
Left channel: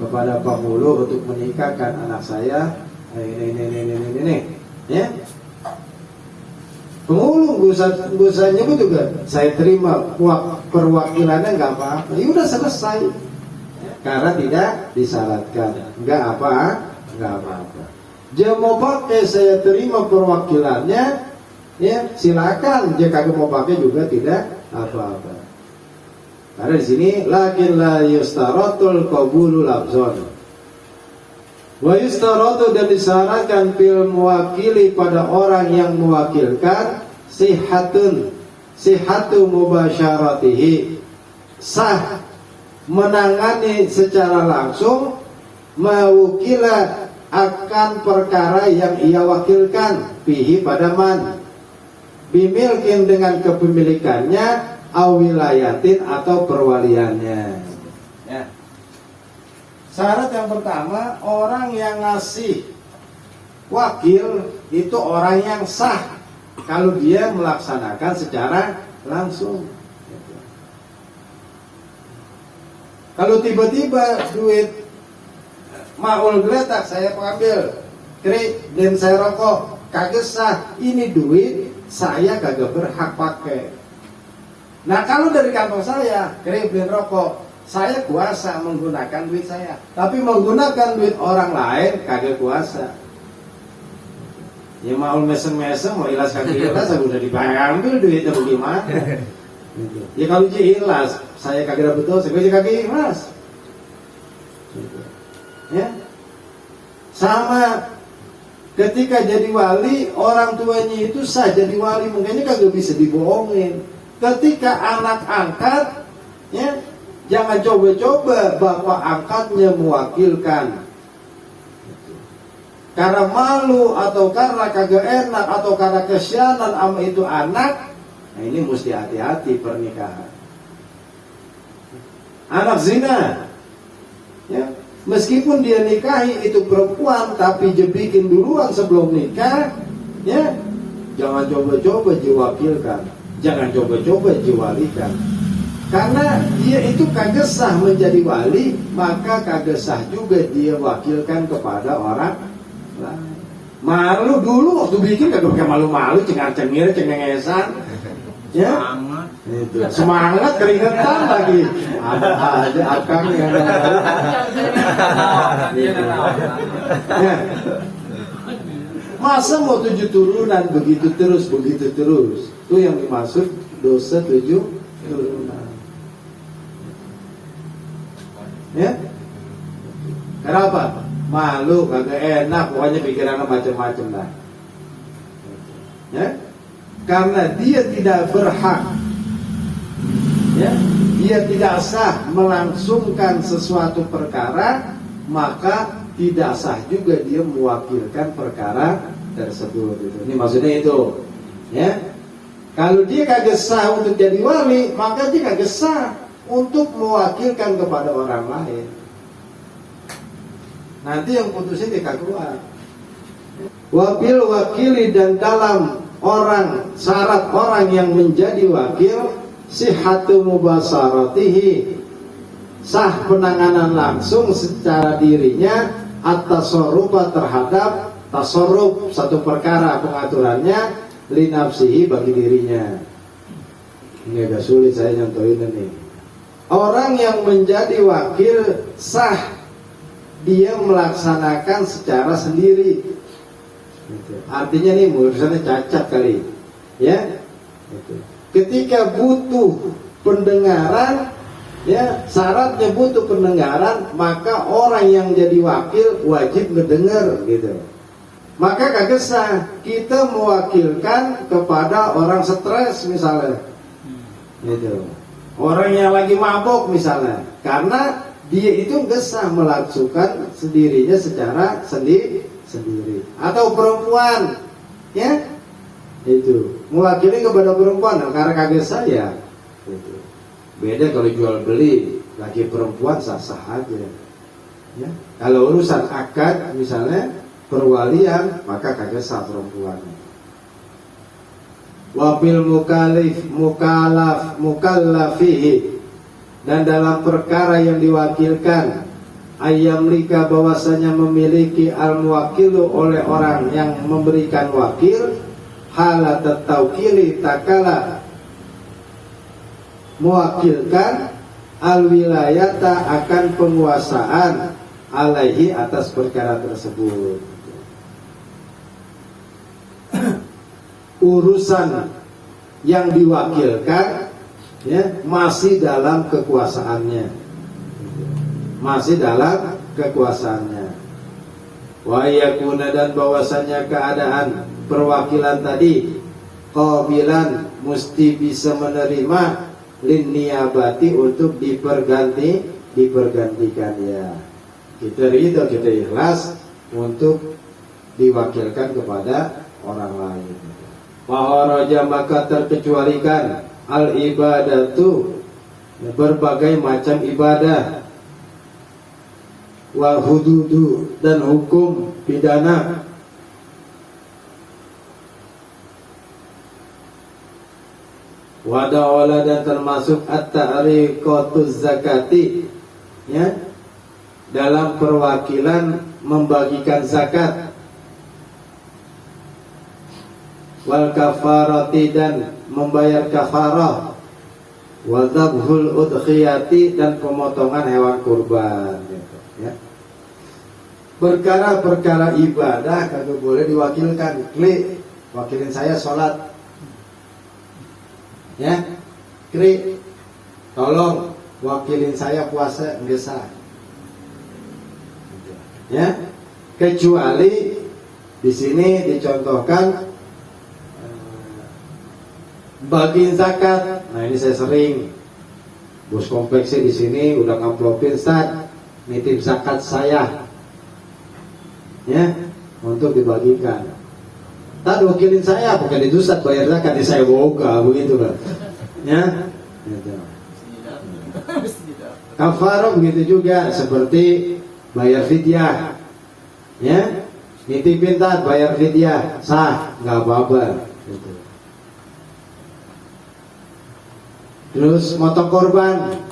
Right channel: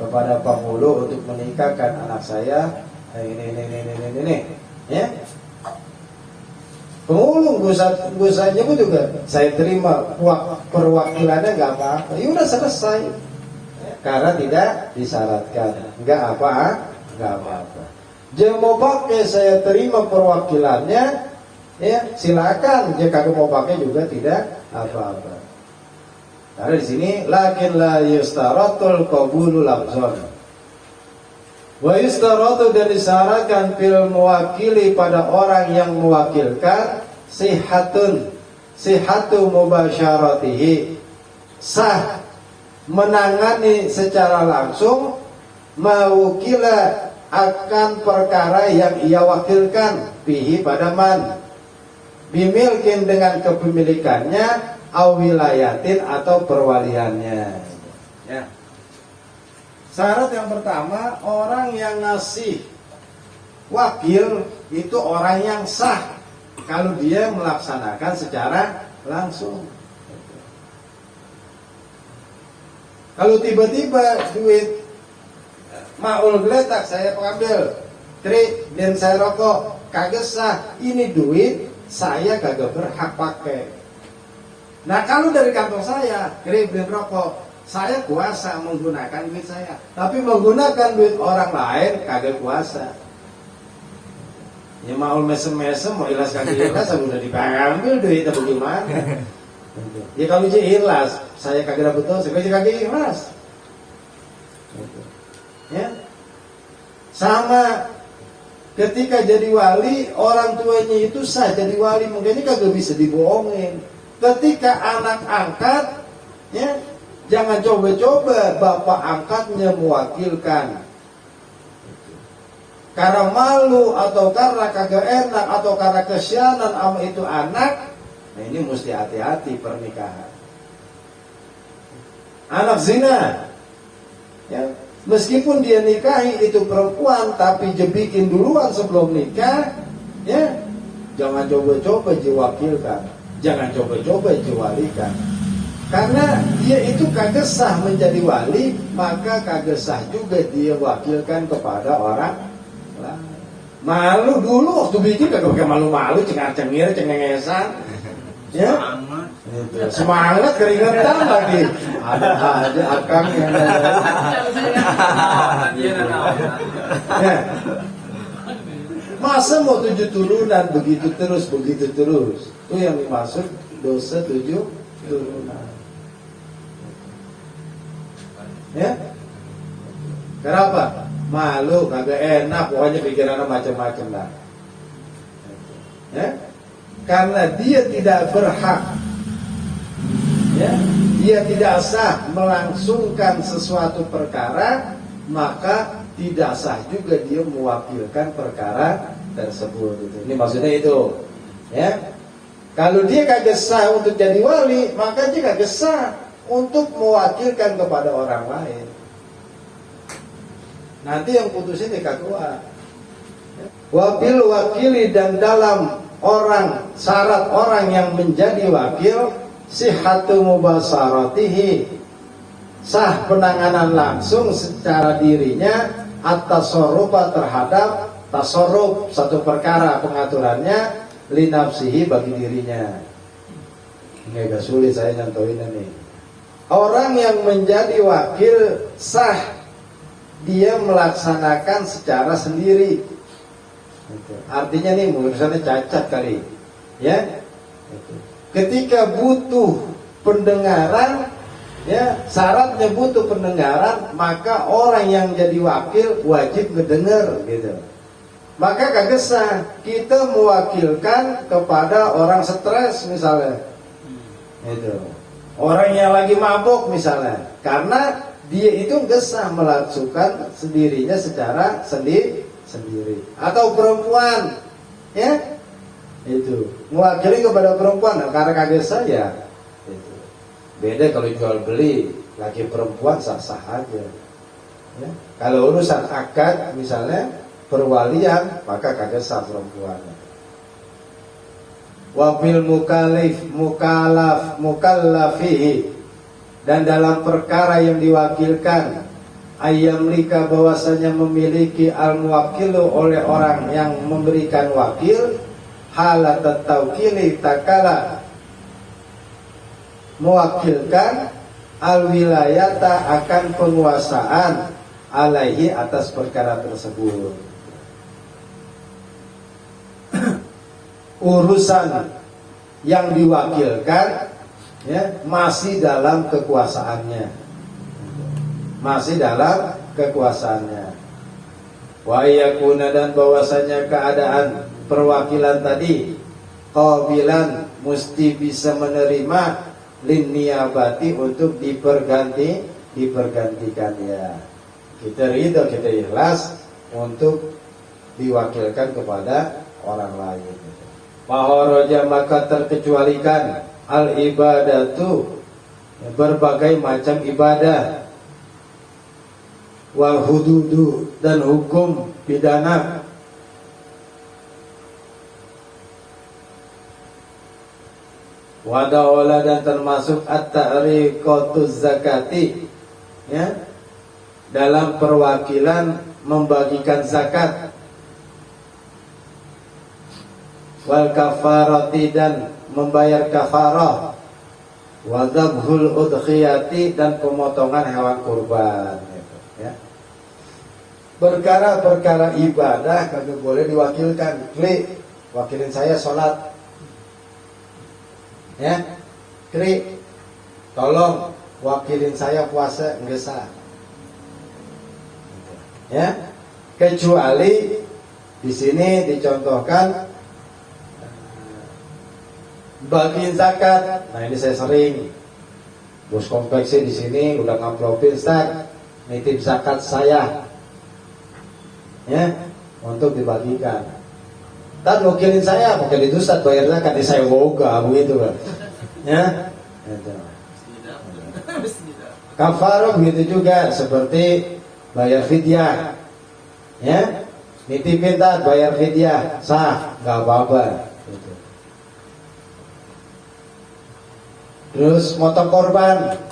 kepada penghulu untuk menikahkan anak saya. Ini, ya. Penghulu gak usah nyebut juga, saya terima perwakilannya, nggak apa-apa. Ya udah selesai, karena tidak disyaratkan, nggak apa-apa. Dia mau pakai saya terima perwakilannya, ya silakan. Dia kagak mau pakai juga tidak apa-apa. Karena di sini lakin la yustaratul qabulu labzon. Wa yustaratu, dan disyaratkan fil mewakili, pada orang yang mewakilkan, sihatu mubasyaratihi, sah menangani secara langsung, mewakila akan perkara yang ia wakilkan, bihi pada man, bimilkin, dengan kepemilikannya, awilayatin, atau perwaliannya. Ya. Syarat yang pertama, orang yang ngasih wakil itu orang yang sah kalau dia melaksanakan secara langsung. Kalau tiba-tiba duit maul geletak saya ambil, Kri, dan saya rokok, kagak sah. Ini duit saya kagak berhak pakai. Nah kalau dari kantong saya, Kri, beli rokok, saya kuasa menggunakan duit saya, tapi menggunakan duit orang lain kagak kuasa. Ya mau mesem-mesem, mau ilas kagak ilas, udah diambil duitnya, bagaimana? Ya kalau dia ilas, saya kagak dapat dosa, saya kagak ilas. Ya, sama ketika jadi wali, orang tuanya itu sah jadi wali, mungkinnya kagak bisa dibohongin. Ketika anak angkat, ya, jangan coba-coba bapak angkatnya mewakilkan. Karena malu, atau karena kagak enak, atau karena kesianan sama itu anak. Nah ini mesti hati-hati pernikahan. Anak zina, ya, meskipun dia nikahi itu perempuan, tapi jebikin duluan sebelum nikah, ya, jangan coba-coba diwakilkan, jangan coba-coba diwalikan. Karena dia itu kagak sah menjadi wali, maka kagak sah juga dia wakilkan kepada orang lain. Malu dulu waktu bikin kagak pakai malu-malu, cengar-cengir, cengengesan, ya, itu. Semangat keringetan lagi, ada aja akang yang ya. Masa mau 7 turunan begitu terus, itu yang dimaksud dosa 7 turunan. Ya, kenapa? Malu, kagak enak, pokoknya pikirannya macam-macam lah. Ya, karena dia tidak berhak, ya, dia tidak sah melangsungkan sesuatu perkara, maka tidak sah juga dia mewakilkan perkara tersebut. Ini maksudnya itu, ya. Kalau dia kagak sah untuk jadi wali, maka dia kagak sah untuk mewakilkan kepada orang lain. Nanti yang putus ini kagak kuat. Wabil wakili, dan dalam orang, syarat orang yang menjadi wakil, sihhatu mubasaratihi, sah penanganan langsung secara dirinya atas tasarrufa terhadap tasarruf satu perkara pengaturannya linafsihi bagi dirinya. Ini agak sulit saya nyontohin ini. Orang yang menjadi wakil sah dia melaksanakan secara sendiri. Artinya nih urusannya cacat kali, ya. Ketika butuh pendengaran, ya, syaratnya butuh pendengaran, maka orang yang jadi wakil wajib ngedenger, gitu. Maka kagak sah kita mewakilkan kepada orang stres misalnya, gitu. Orang yang lagi mabuk misalnya, karena dia itu nggak sah melakukan sendirinya secara sendiri. Atau perempuan, ya, itu mewakili kepada perempuan, karena kagak sah ya. Gitu. Beda kalau jual beli, lagi perempuan sah-sah aja, ya. Kalau urusan akad misalnya perwalian, maka kagak sah perempuan. Wabil mukallafihi, dan dalam perkara yang diwakilkan, ayyamlika, bahwasanya memiliki al-muwakilu oleh orang yang memberikan wakil, halat taukili takala mewakilkan al-wilayata akan penguasaan alaihi atas perkara tersebut. Urusan yang diwakilkan, ya, masih dalam kekuasaannya, wa yakuna, dan bahwasanya keadaan perwakilan tadi qabilan, mesti bisa menerima lin niyabati, untuk dipergantikan, ya. Kita ridho, kita ikhlas untuk diwakilkan kepada orang lain. Maharaja, maka terkecualikan al ibadatu, berbagai macam ibadah, wal hududu, dan hukum pidana, wadawala, dan termasuk at-ta'riqatuz zakati, ya, dalam perwakilan membagikan zakat, wal kafarati, dan membayar kafarah, wa dzabhul udhiyati, dan pemotongan hewan kurban, ya. Perkara-perkara ibadah kagak boleh diwakilkan. Klik, wakilin saya sholat, ya. Klik, tolong wakilin saya puasa, enggak sah, ya. Kecuali di sini dicontohkan bagiin zakat. Nah, ini saya sering, bos konveksi di sini udah ngamplopin, Ustaz, nitip zakat saya, ya, untuk dibagikan. Tad wakilin saya, bukan itu Ustaz bayar zakat, ini saya woga, begitu kan, ya. Kafarah begitu juga, seperti bayar fidyah, ya, nitipin Tad bayar fidyah, sah, nggak apa-apa, gitu. Terus motong korban,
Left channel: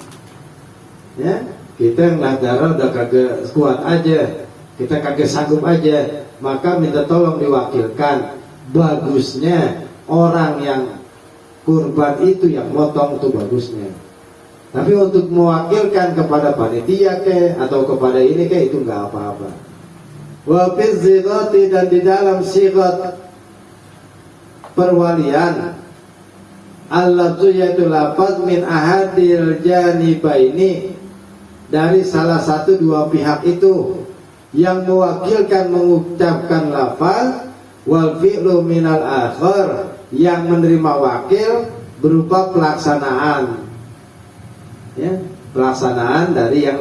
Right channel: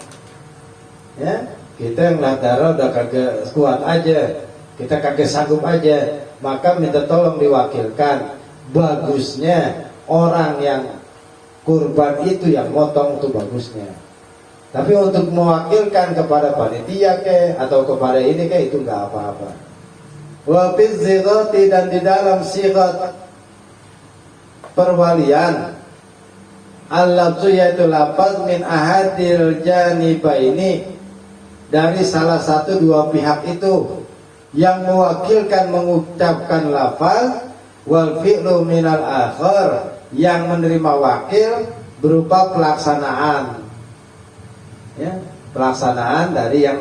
ya, kita yang darah udah kagak kuat aja, kita kagak sanggup aja, maka minta tolong diwakilkan. Bagusnya orang yang kurban itu yang motong, itu bagusnya. Tapi untuk mewakilkan kepada panitia ke atau kepada ini ke, itu nggak apa-apa. Wa fi zigati, dan di dalam sigat perwalian, al-lafzu, yaitu lafaz min ahadil janibaini, dari salah satu dua pihak itu, yang mewakilkan mengucapkan lafaz, wal fi'lu minal akhar, yang menerima wakil berupa pelaksanaan, ya, pelaksanaan dari yang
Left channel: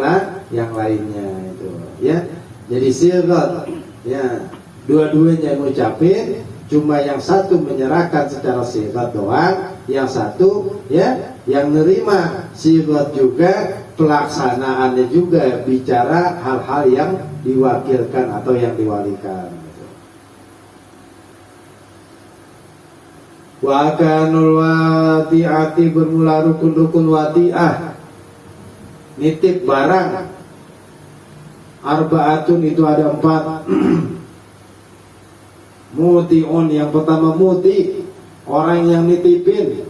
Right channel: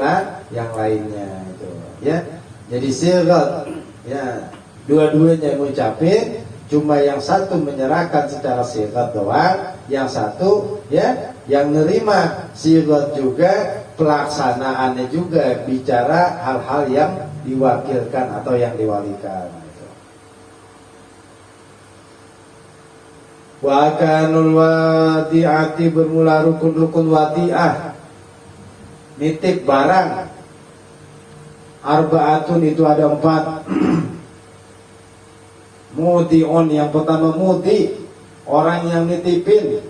lainnya itu, ya. Jadi sirat, ya, dua-duanya ngucapin, cuma yang satu menyerahkan secara sirat doang, yang satu ya yang nerima sirat juga, pelaksanaannya juga bicara hal-hal yang diwakilkan atau yang diwalikan. Wa kanul wati'ati, bermula rukun-rukun wati'ah, nitip barang. Arba'atun, itu ada 4. Muti'un, yang pertama muti, orang yang nitipin.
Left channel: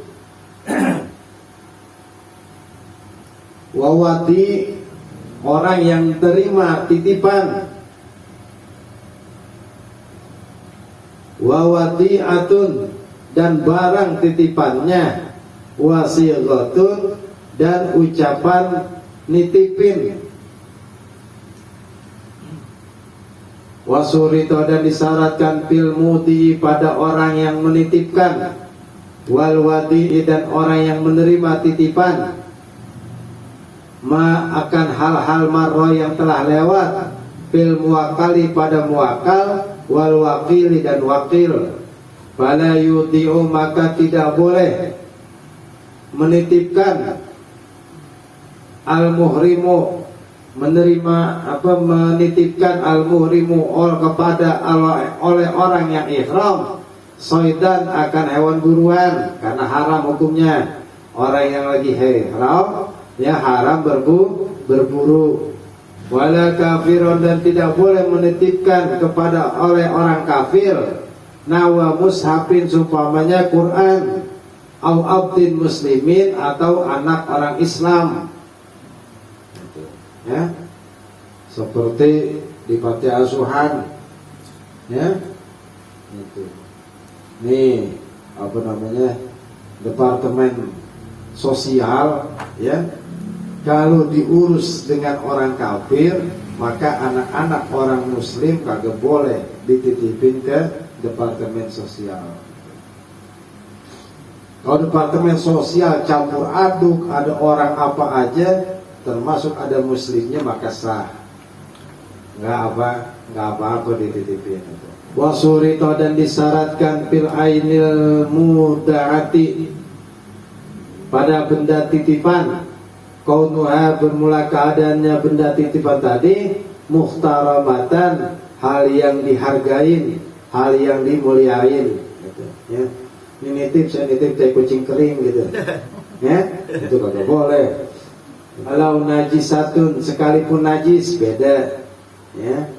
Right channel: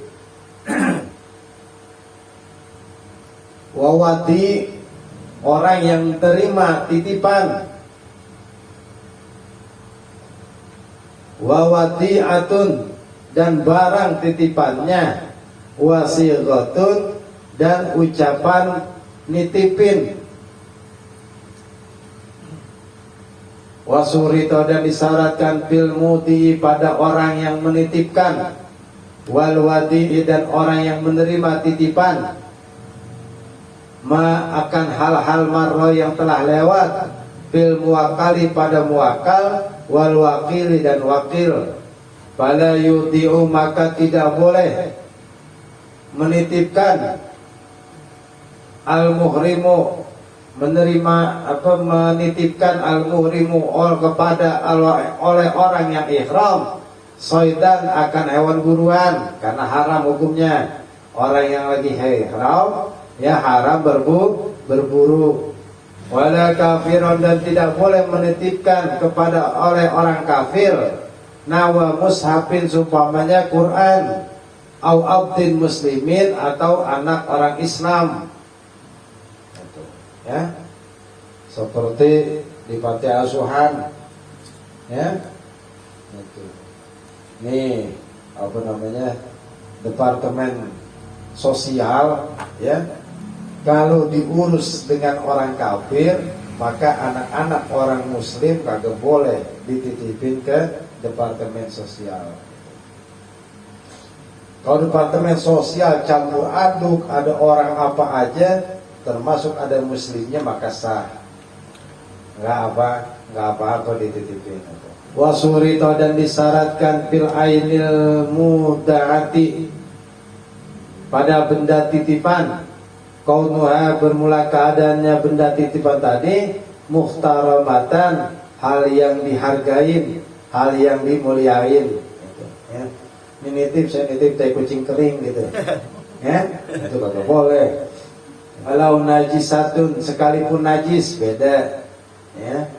Wawati, orang yang terima titipan. Wawati'atun, dan barang titipannya. Wasighatun, dan ucapan nitipin. Wasurito, dan disyaratkan fil muti, pada orang yang menitipkan. Wal wadi, dan orang yang menerima titipan. Ma, akan hal-hal marro yang telah lewat. Fil muwakali, pada muwakal. Wal wakili, dan wakil. Fala yudi'u, maka tidak boleh menitipkan. Al muhrimu, menitipkan al-muhrimu kepada oleh orang yang ihram soidan, akan hewan buruan, karena haram hukumnya. Orang yang lagi ihram ya haram berburu. Wala kafirun, dan tidak boleh menitipkan kepada oleh orang kafir. Nawa mushafin, sumpamanya Quran. Au abdin muslimin, atau anak orang Islam. Ya, seperti di panti asuhan, ya, itu. Nih, apa namanya, departemen sosial, ya. Kalau diurus dengan orang kafir, maka anak-anak orang muslim kagak boleh dititipin ke departemen sosial. Kalau departemen sosial campur aduk, ada orang apa aja, termasuk ada muslimnya, maka sah. Nggak apa-apa dititipin. Wasurito, dan disyaratkan fil ainil mudaati, pada benda titipan. Kaunuha, bermula keadaannya benda titipan tadi muhtaramatan, hal yang dihargain, hal yang dimuliain, gitu, ya. Ini nitip, saya nitip teh kucing kering gitu, ya, itu kagak boleh. Kalau najisatun, sekalipun najis, beda, ya.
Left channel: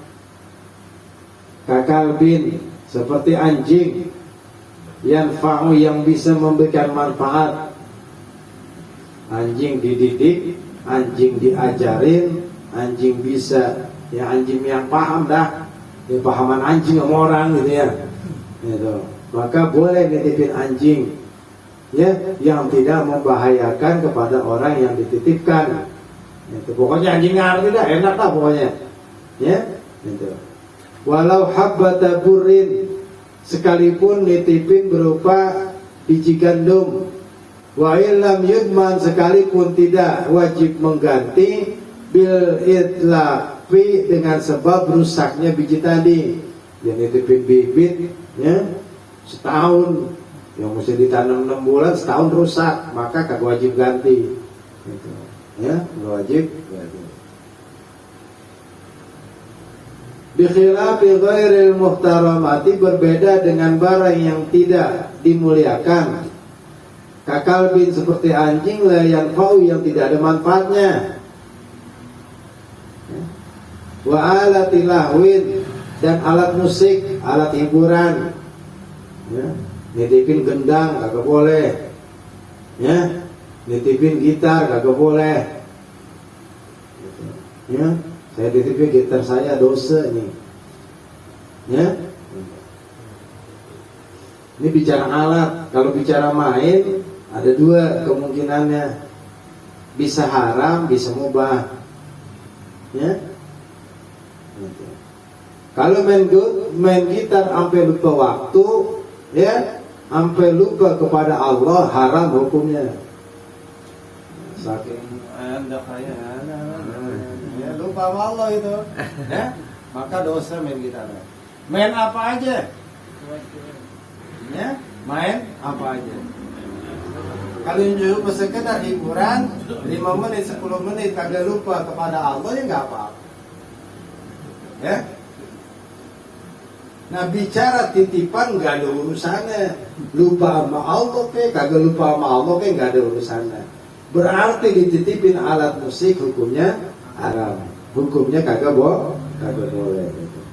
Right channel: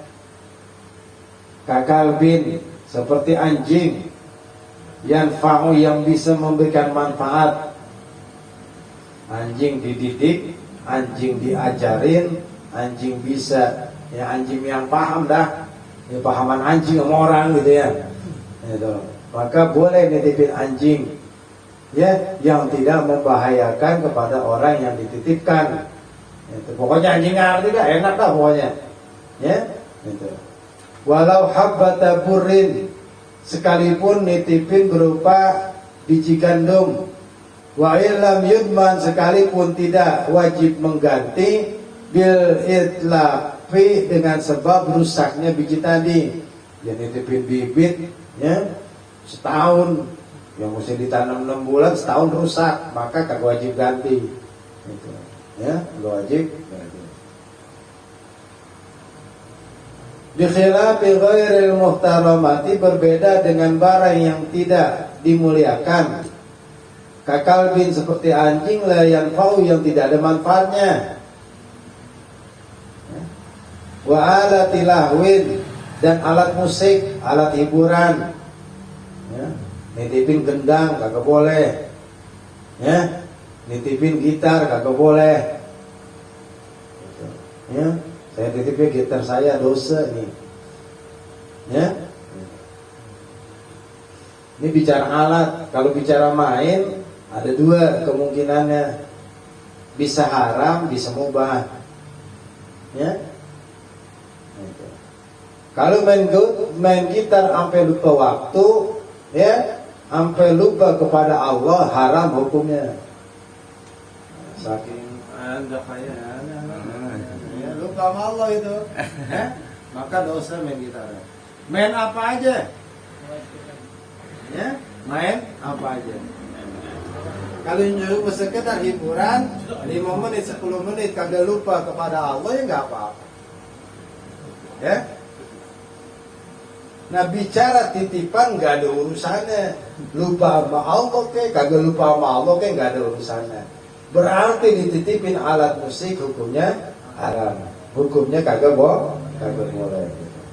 Kakalbin, seperti anjing. Yanfa'u, yang bisa memberikan manfaat. Anjing dididik, anjing diajarin, anjing bisa, ya, anjing yang paham dah, ya, pahaman anjing sama orang gitu, ya, gitu. Maka boleh nitipin anjing, ya, yang tidak membahayakan kepada orang yang dititipkan. Itu pokoknya anjing ngerti dah, enak lah pokoknya, ya, itu. Walau habbata burrin, sekalipun nitipin berupa biji gandum. Wa illam yudman, sekalipun tidak wajib mengganti. Bil itlafi, dengan sebab rusaknya biji tadi. Ya, nitipin bibit, ya, setahun, yang mesti ditanam 6 bulan, setahun rusak, maka kagak wajib ganti, gitu. Ya, wajib. Bikhilafi ghairil muhtaramati, berbeda dengan barang yang tidak dimuliakan. Kakalbin, seperti anjing, la yanfa'u, yang tidak ada manfaatnya. Wa alati lahwin, dan alat musik, alat hiburan, ya. Nitipin gendang kagak boleh, ya. Nitipin gitar kagak boleh, ya. Saya titipin gitar saya, dosa nih, ya. Ini bicara alat. Kalau bicara main, ada 2 kemungkinannya, bisa haram, bisa mubah, ya. Kalau main gitar sampai lupa waktu, ya, sampai lupa kepada Allah, haram hukumnya. Saking Anda kaya, ya, lupa sama Allah itu, ya. maka dosa main gitar. Main apa aja? Ya, main apa aja. Kalau cuma sekedar hiburan 5 menit, 10 menit kagak lupa kepada Allah ya nggak apa-apa. Ya. Nah bicara titipan nggak ada urusannya. Lupa sama Allah kagak lupa sama Allah nggak ada urusannya. Berarti dititipin alat musik hukumnya haram. Hukumnya kagak boleh.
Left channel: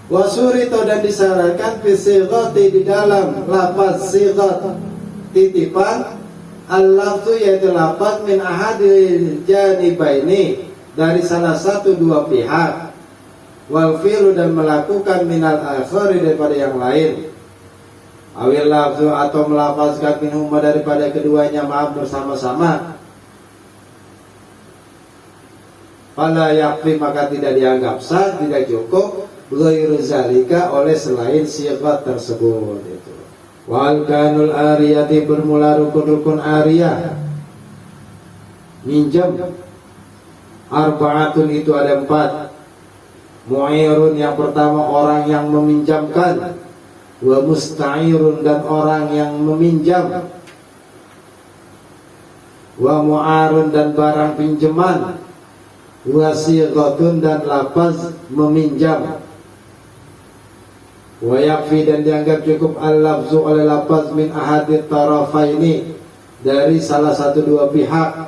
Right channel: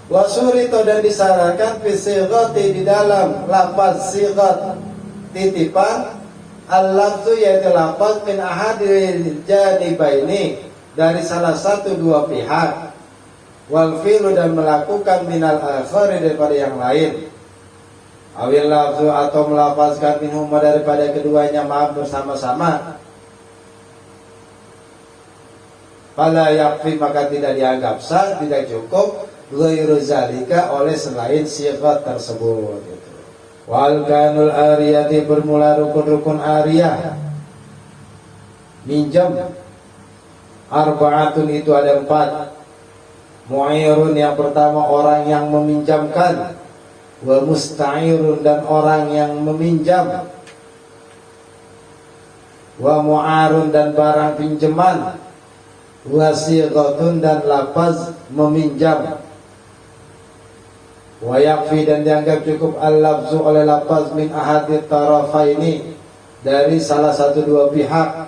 Wasurito dan disyaratkan fisigati di dalam lafaz sigat titipan al-lafzu yaitu lafaz min ahadil janibaini dari salah satu dua pihak wal fi'lu dan melakukan minal akhari daripada yang lain awil lafzu atau melafazkan minhuma daripada keduanya maaf bersama-sama fala yakfi maka tidak dianggap sah, tidak cukup ghairu zalika oleh selain sifat tersebut gitu. Wal kanul ariyati bermula rukun-rukun ariyah minjam arba'atun itu ada 4. Mu'irun yang pertama orang yang meminjamkan, wa musta'irun dan orang yang meminjam, wa mu'arun dan barang pinjaman, wa sighatun dan lafaz meminjam. Wa yakfi dan dianggap cukup al-lafzu oleh lafaz min ahadit tarafaini dari salah satu dua pihak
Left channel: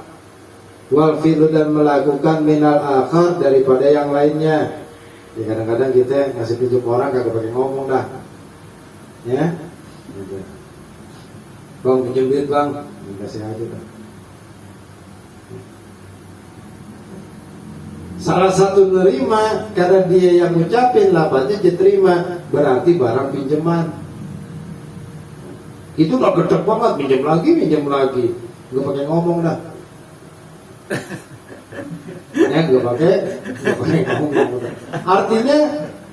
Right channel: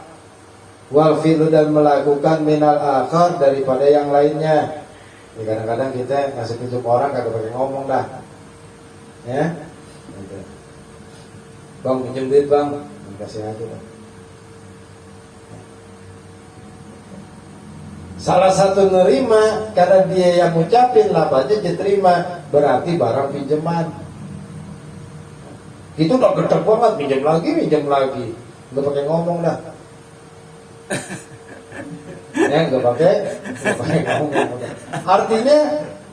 wal fi'lu dan melakukan minal akhar daripada yang lainnya. Ya, kadang-kadang kita ngasih pinjam orang kagak pakai ngomong dah. Ya. Gitu. Bang pinjam duit bang, kasih aja bang. Salah satu nerima karena dia yang ngucapin lafaznya diterima, berarti barang pinjaman. Itu gak gede banget, pinjam lagi, nggak pakai ngomong dah. Nggak pakai ngomong. Artinya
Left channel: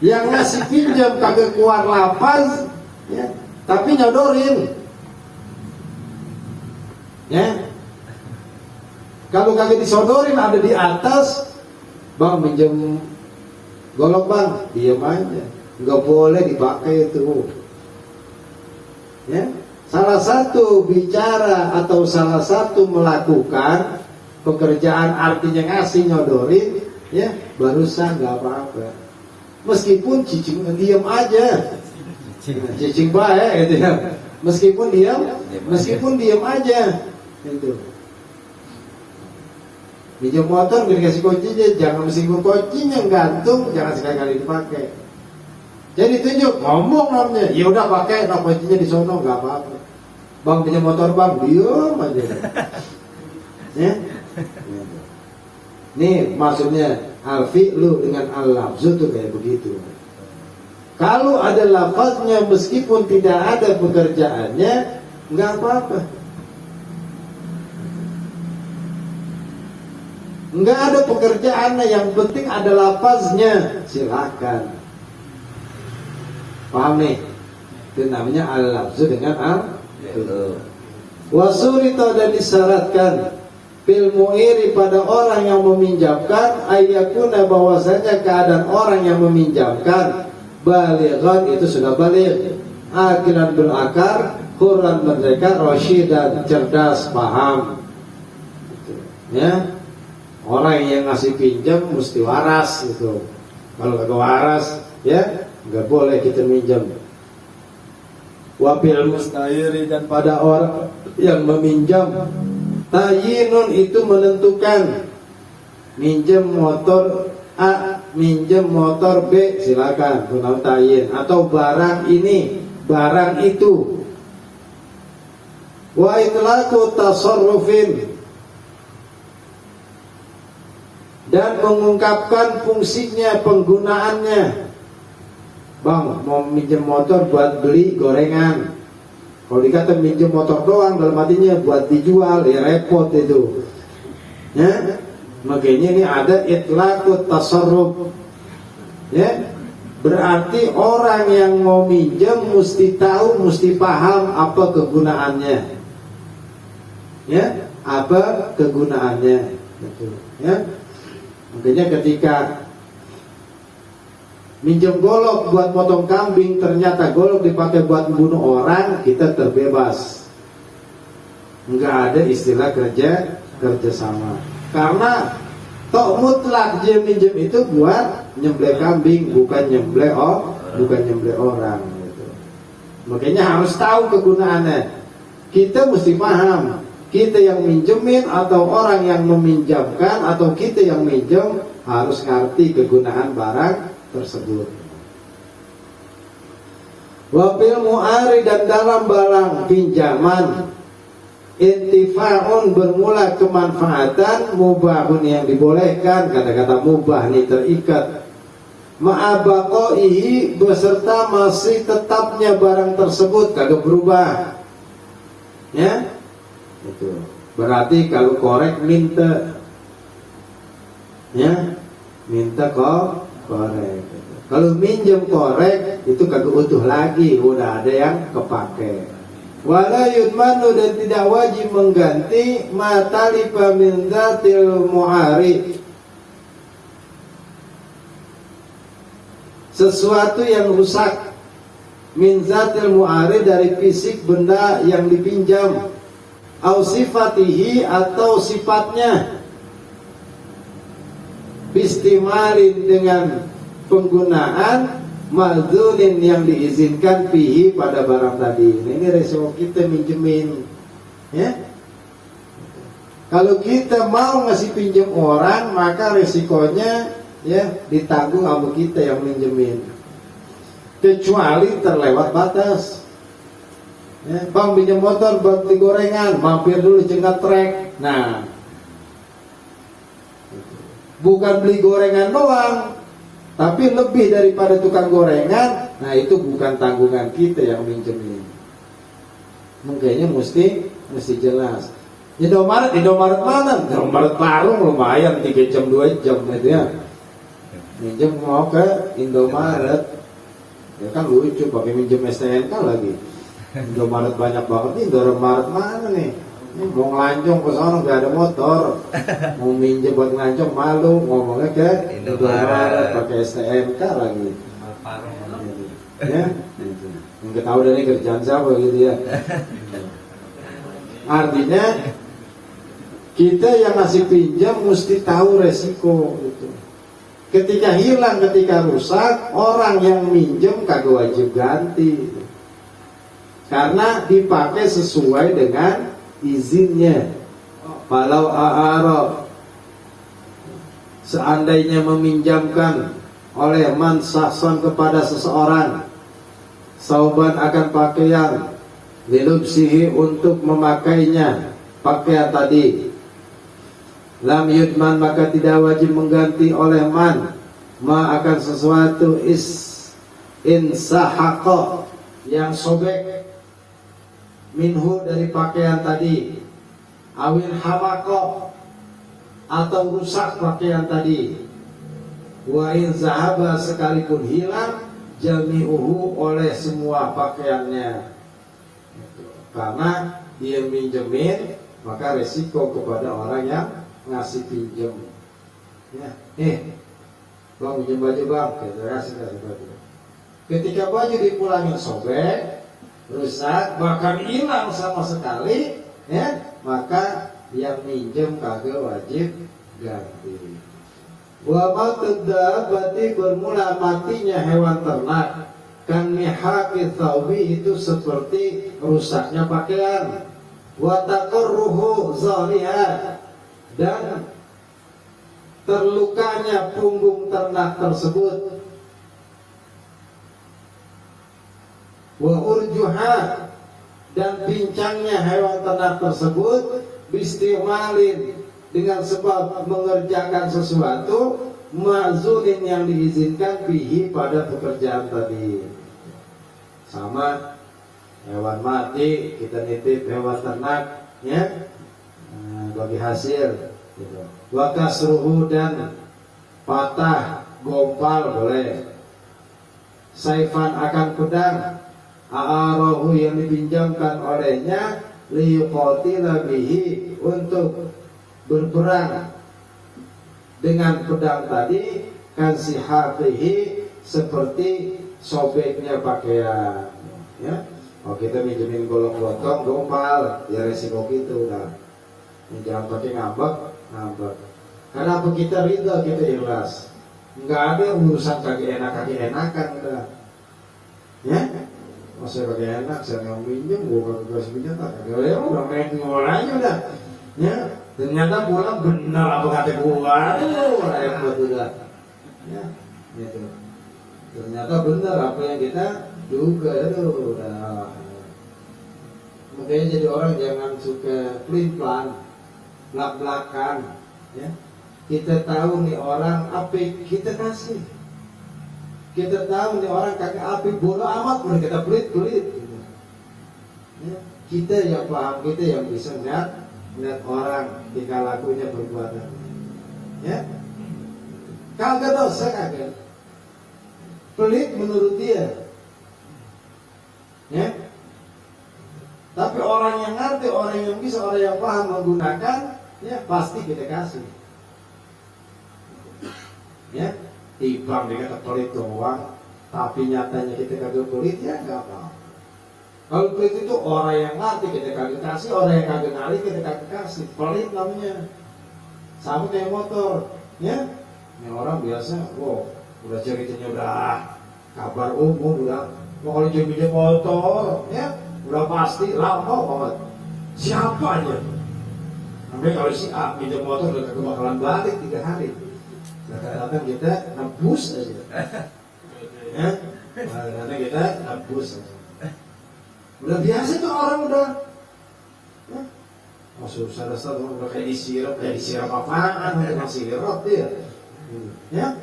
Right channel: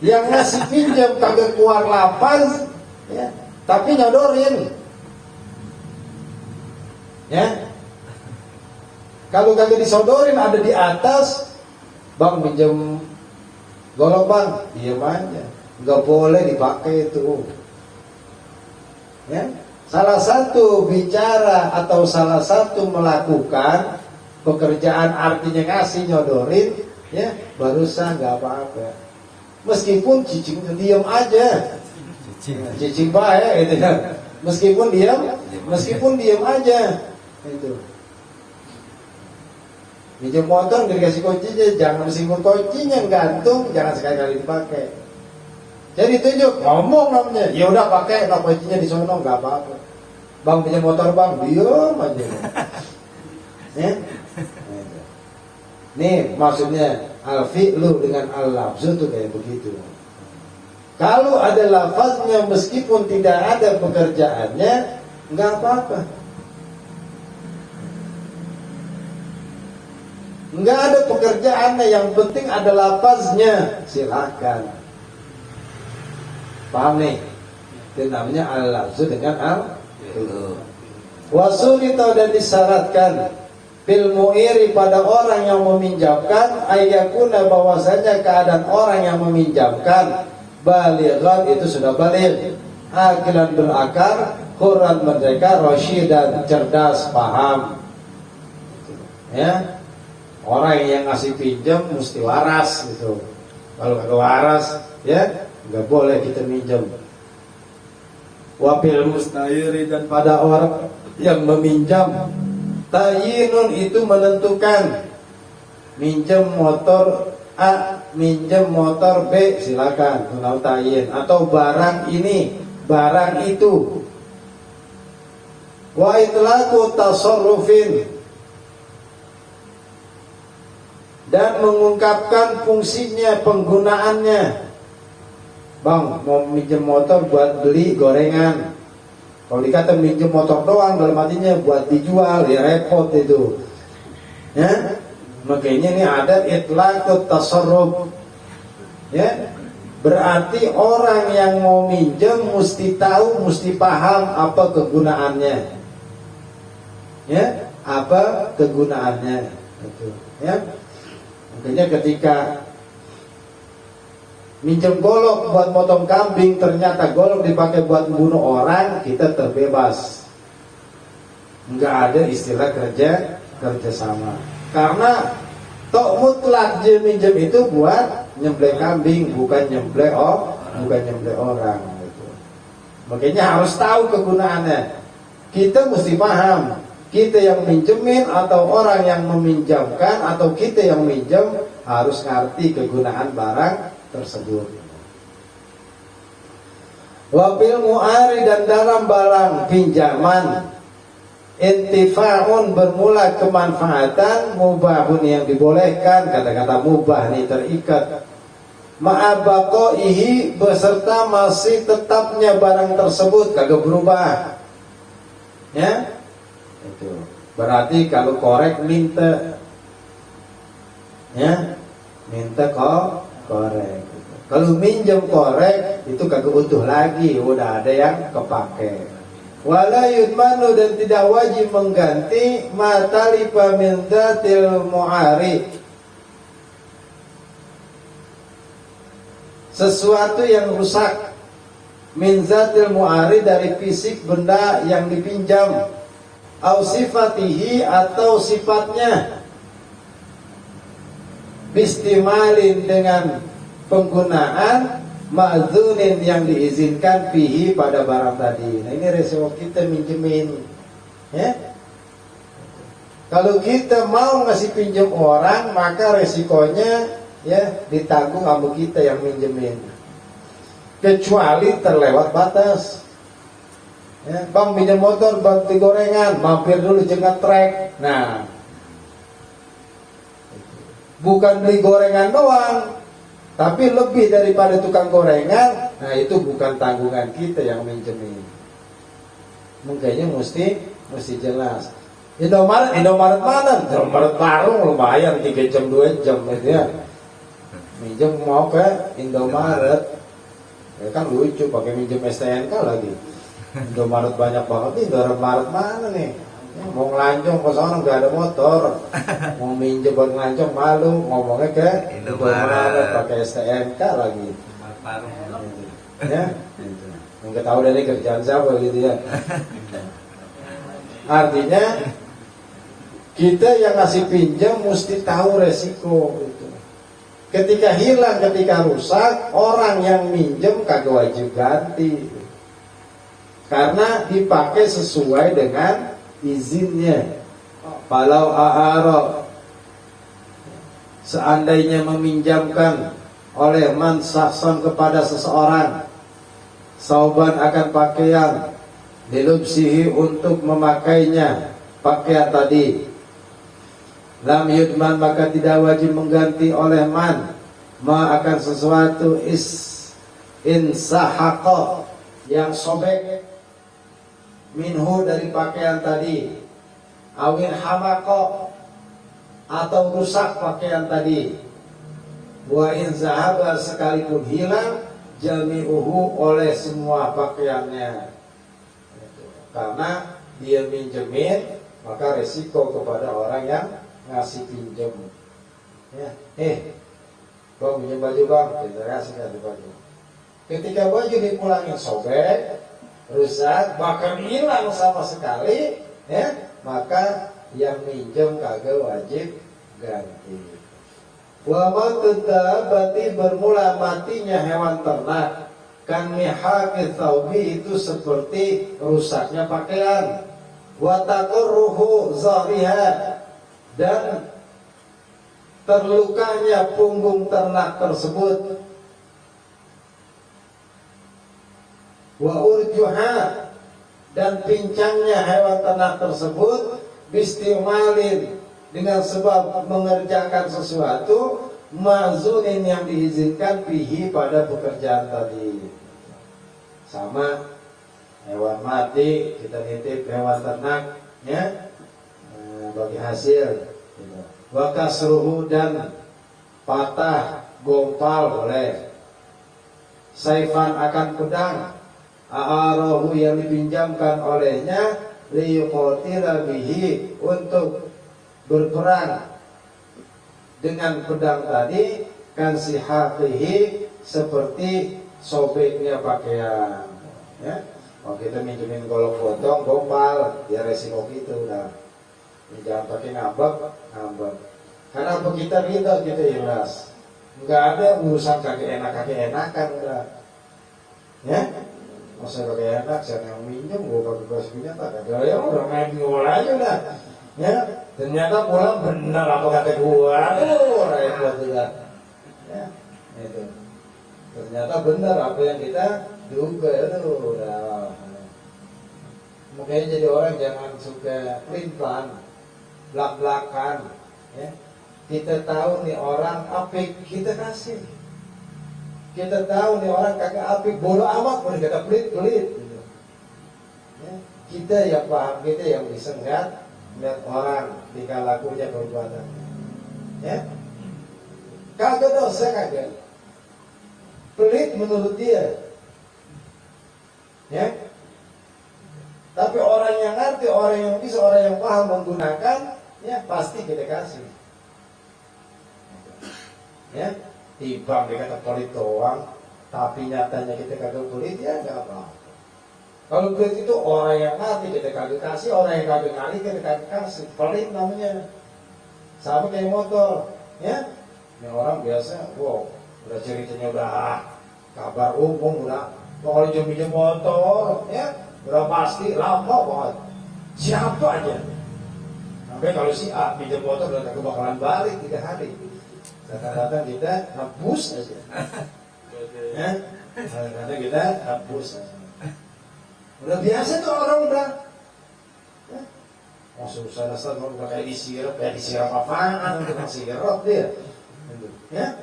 yang ngasih pinjam kagak keluar lafaz, ya, tapi nyodorin. Ya, kalau kagak disodorin ada di atas. Bang minjem golok bang, diam aja, nggak boleh dipakai itu. Ya, salah satu bicara atau salah satu melakukan pekerjaan artinya ngasih nyodorin, ya barusan nggak apa-apa. Meskipun cicing diam aja, cicing baik gitu ya. Meskipun diam aja, itu. Minjem motor dikasih kuncinya, jangan meskipun kuncinya gantung, jangan sekali-kali dipakai. Jadi tunjuk, ngomong namanya, ya udah pakai, nah kuncinya di sono nggak apa-apa. Bang pinjam motor bang, diam aja. Ya, nih maksudnya al-fi'lu dengan al-lafzu tuh kayak begitu. Kalau ada lafaznya meskipun tidak ada pekerjaannya, nggak apa-apa. Nggak ada pekerjaannya, yang penting ada lafaznya, silakan. Paham nih? Itu namanya al-lafzu dengan al-fi'lu. Wasurita dan disyaratkan fil mu'iri pada orang yang meminjamkan ayyakuna bahwasanya keadaan orang yang meminjamkan balighan itu sudah baligh, akilan berakar, hurran merdeka, rasyidan cerdas paham. Ya. Orang yang ngasih pinjam mesti waras gitu. Kalau nggak waras, ya nggak boleh kita minjam. Wabil musta'iri dan pada orang yang meminjam, tayyinun itu menentukan. Minjam motor A, minjam motor B, silakan tunau tayyin. Atau barang ini, barang itu. Wa itlaqu tasarrufin dan mengungkapkan fungsinya, penggunaannya. Bang, mau minjem motor buat beli gorengan. Kalau dikata minjem motor doang, dalam artinya buat dijual, ya repot itu. Ya, makanya ini ada itlaqut tasarruf. Ya, berarti orang yang mau minjem mesti tahu, mesti paham apa kegunaannya. Ya, apa kegunaannya. Ya. Artinya ketika minjem golok buat potong kambing, ternyata golok dipakai buat membunuh orang, kita terbebas. Nggak ada istilah kerjasama. Karena tok mutlak dia minjem itu buat nyembelih kambing, bukan nyembelih orang. Gitu. Makanya harus tahu kegunaannya. Kita mesti paham, kita yang minjemin atau orang yang meminjamkan atau kita yang minjem harus ngerti kegunaan barang tersebut. Wafil mu'ari, dan dalam barang pinjaman, intifa'un bermula kemanfaatan, mubahun yang dibolehkan, kata-kata mubah ini terikat, ma'abaqaihi beserta masih tetapnya barang tersebut, kagak berubah. Ya, itu berarti kalau korek minta, ya minta korek. Kalau minjem korek itu kagak utuh lagi, udah ada yang kepake. Wala yudmanu, dan tidak wajib mengganti matalifa min dzatil mu'ari, sesuatu yang rusak, min zatil mu'ari, dari fisik benda yang dipinjam, au sifatihi, atau sifatnya, bistimalin, dengan penggunaan, ma'zunin yang diizinkan, fihi, pada barang tadi. Nah, ini resiko kita minjemin, ya. Kalau kita mau ngasih pinjam orang, maka resikonya ya ditanggung sama kita yang minjemin. Kecuali terlewat batas. Ya, bang pinjam motor, bang gorengan, mampir dulu jengat trek. Nah, bukan beli gorengan doang, tapi lebih daripada tukang gorengan. Nah, itu bukan tanggungan kita yang minjemin. Makanya mesti jelas. Indomaret mana? Indomaret baru lumayan 3 jam 2 jam aja. Minjem mau ke Indomaret. Ya kan lucu pakai minjem STNK lagi. Indomaret banyak banget nih, Indomaret mana nih? Mau ngelancong ke sana nggak ada motor, mau minjem buat ngelancong malu, ngomongnya ke Indomaret pakai STNK lagi. Ya, nggak tahu dari kerjaan siapa gitu ya. Artinya kita yang ngasih pinjam mesti tahu resiko itu. Ketika hilang, ketika rusak, orang yang minjem kagak wajib ganti, karena dipakai sesuai dengan izinnya. Kalau a'arab, seandainya meminjamkan oleh man sahsan kepada seseorang, sauban akan pakaian, dilubsihi untuk memakainya pakaian tadi, lam yudman, maka tidak wajib mengganti oleh man ma akan sesuatu insahaqa, yang sobek, minhu dari pakaian tadi, awin hamaqo, atau rusak pakaian tadi, wa in zahaba, sekalipun hilang, jami'uhu, oleh semua pakaiannya. Karena dia minjemin, maka resiko kepada orang yang ngasih pinjam. Ya, bang pinjam baju bang, kita kasih baju. Ketika baju dipulangin sobek, rusak, bahkan hilang sama sekali, ya, maka yang minjem kagak wajib ganti. Wa matud dabbati, bermula matinya hewan ternak, kan mihaqi thawbi, itu seperti rusaknya pakaian, wa taqurruhu zahriha, dan terlukanya punggung ternak tersebut, wa urjuha, dan pincangnya hewan ternak tersebut, bistimalin, dengan sebab mengerjakan sesuatu, ma'zunin, yang diizinkan, fihi, pada pekerjaan tadi. Sama hewan mati, kita nitip hewan ternak, ya, bagi hasil, gitu. Wa kasruhu, dan patah, gompal boleh. Saifan, akan pedang, a'arahu, yang dipinjamkan olehnya, liyuqatila bihi, untuk berperang dengan pedang tadi, kan sihaqihi, seperti sobeknya pakaian, ya. Oh kita minjemin golong gotong, gompal, ya resiko gitu udah. Jangan pakai ngambek. Kenapa kita ridho, kita ikhlas. Nggak ada urusan kagak enakan udah. Ya, masa kagak enak, saya yang minjem, gua kagak kasih pinjam, kagak ya udah main aja udah. Ya, ternyata pulang benar apa kata gua, tuh repot udah. Ya, itu. Ternyata benar apa yang kita duga itu udah. Makanya jadi orang jangan suka pelin-pelan, belak-belakan. Ya, kita tahu nih orang apik kita kasih. Kita tahu nih orang kagak apik, bodoh amat, boleh kata pelit-pelit. Gitu. Ya, kita yang paham, kita yang bisa melihat orang tingkah lakunya, perbuatan. Ya, kagak dosa kagak. Pelit menurut dia. Ya. Tapi orang yang ngerti, orang yang bisa, orang yang paham menggunakan, ya pasti kita kasih. Ya, timbang dikata pelit doang, tapi nyatanya kita kagak pelit, ya nggak apa-apa. Kalau pelit itu orang yang ngerti kita kagak kasih, orang yang kagak ngerti kita kagak kasih. Pelit namanya. Sama kayak motor, ya. Ini orang biasa, wow, udah ceritanya udah kabar umum udah. Mau kalau pinjam motor, ya. Udah pasti lama banget. Siapa aja? Sampai kalau si A pinjam motor udah kagak bakalan balik 3 hari. Kadang-kadang kita nebus aja. Ya? Kadang-kadang kita nebus aja. Udah biasa tuh orang udah. Ya? Oh susah udah kayak disiram apaan? Udah sirup dia. Ya?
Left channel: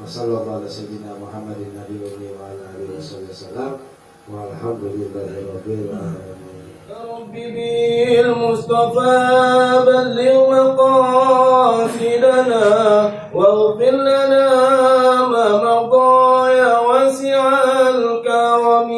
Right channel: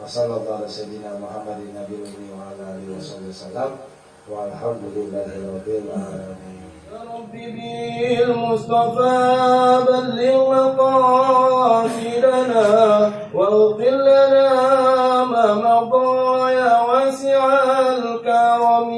Wassalamualaikum warahmatullahi Muhammadin Nabi wa ala alihi wasallam. Walhamdulillahirabbil alamin. يا رب بالمصطفى بلغ مقاصدنا واغفر لنا ما مضى يا واسع الكرم.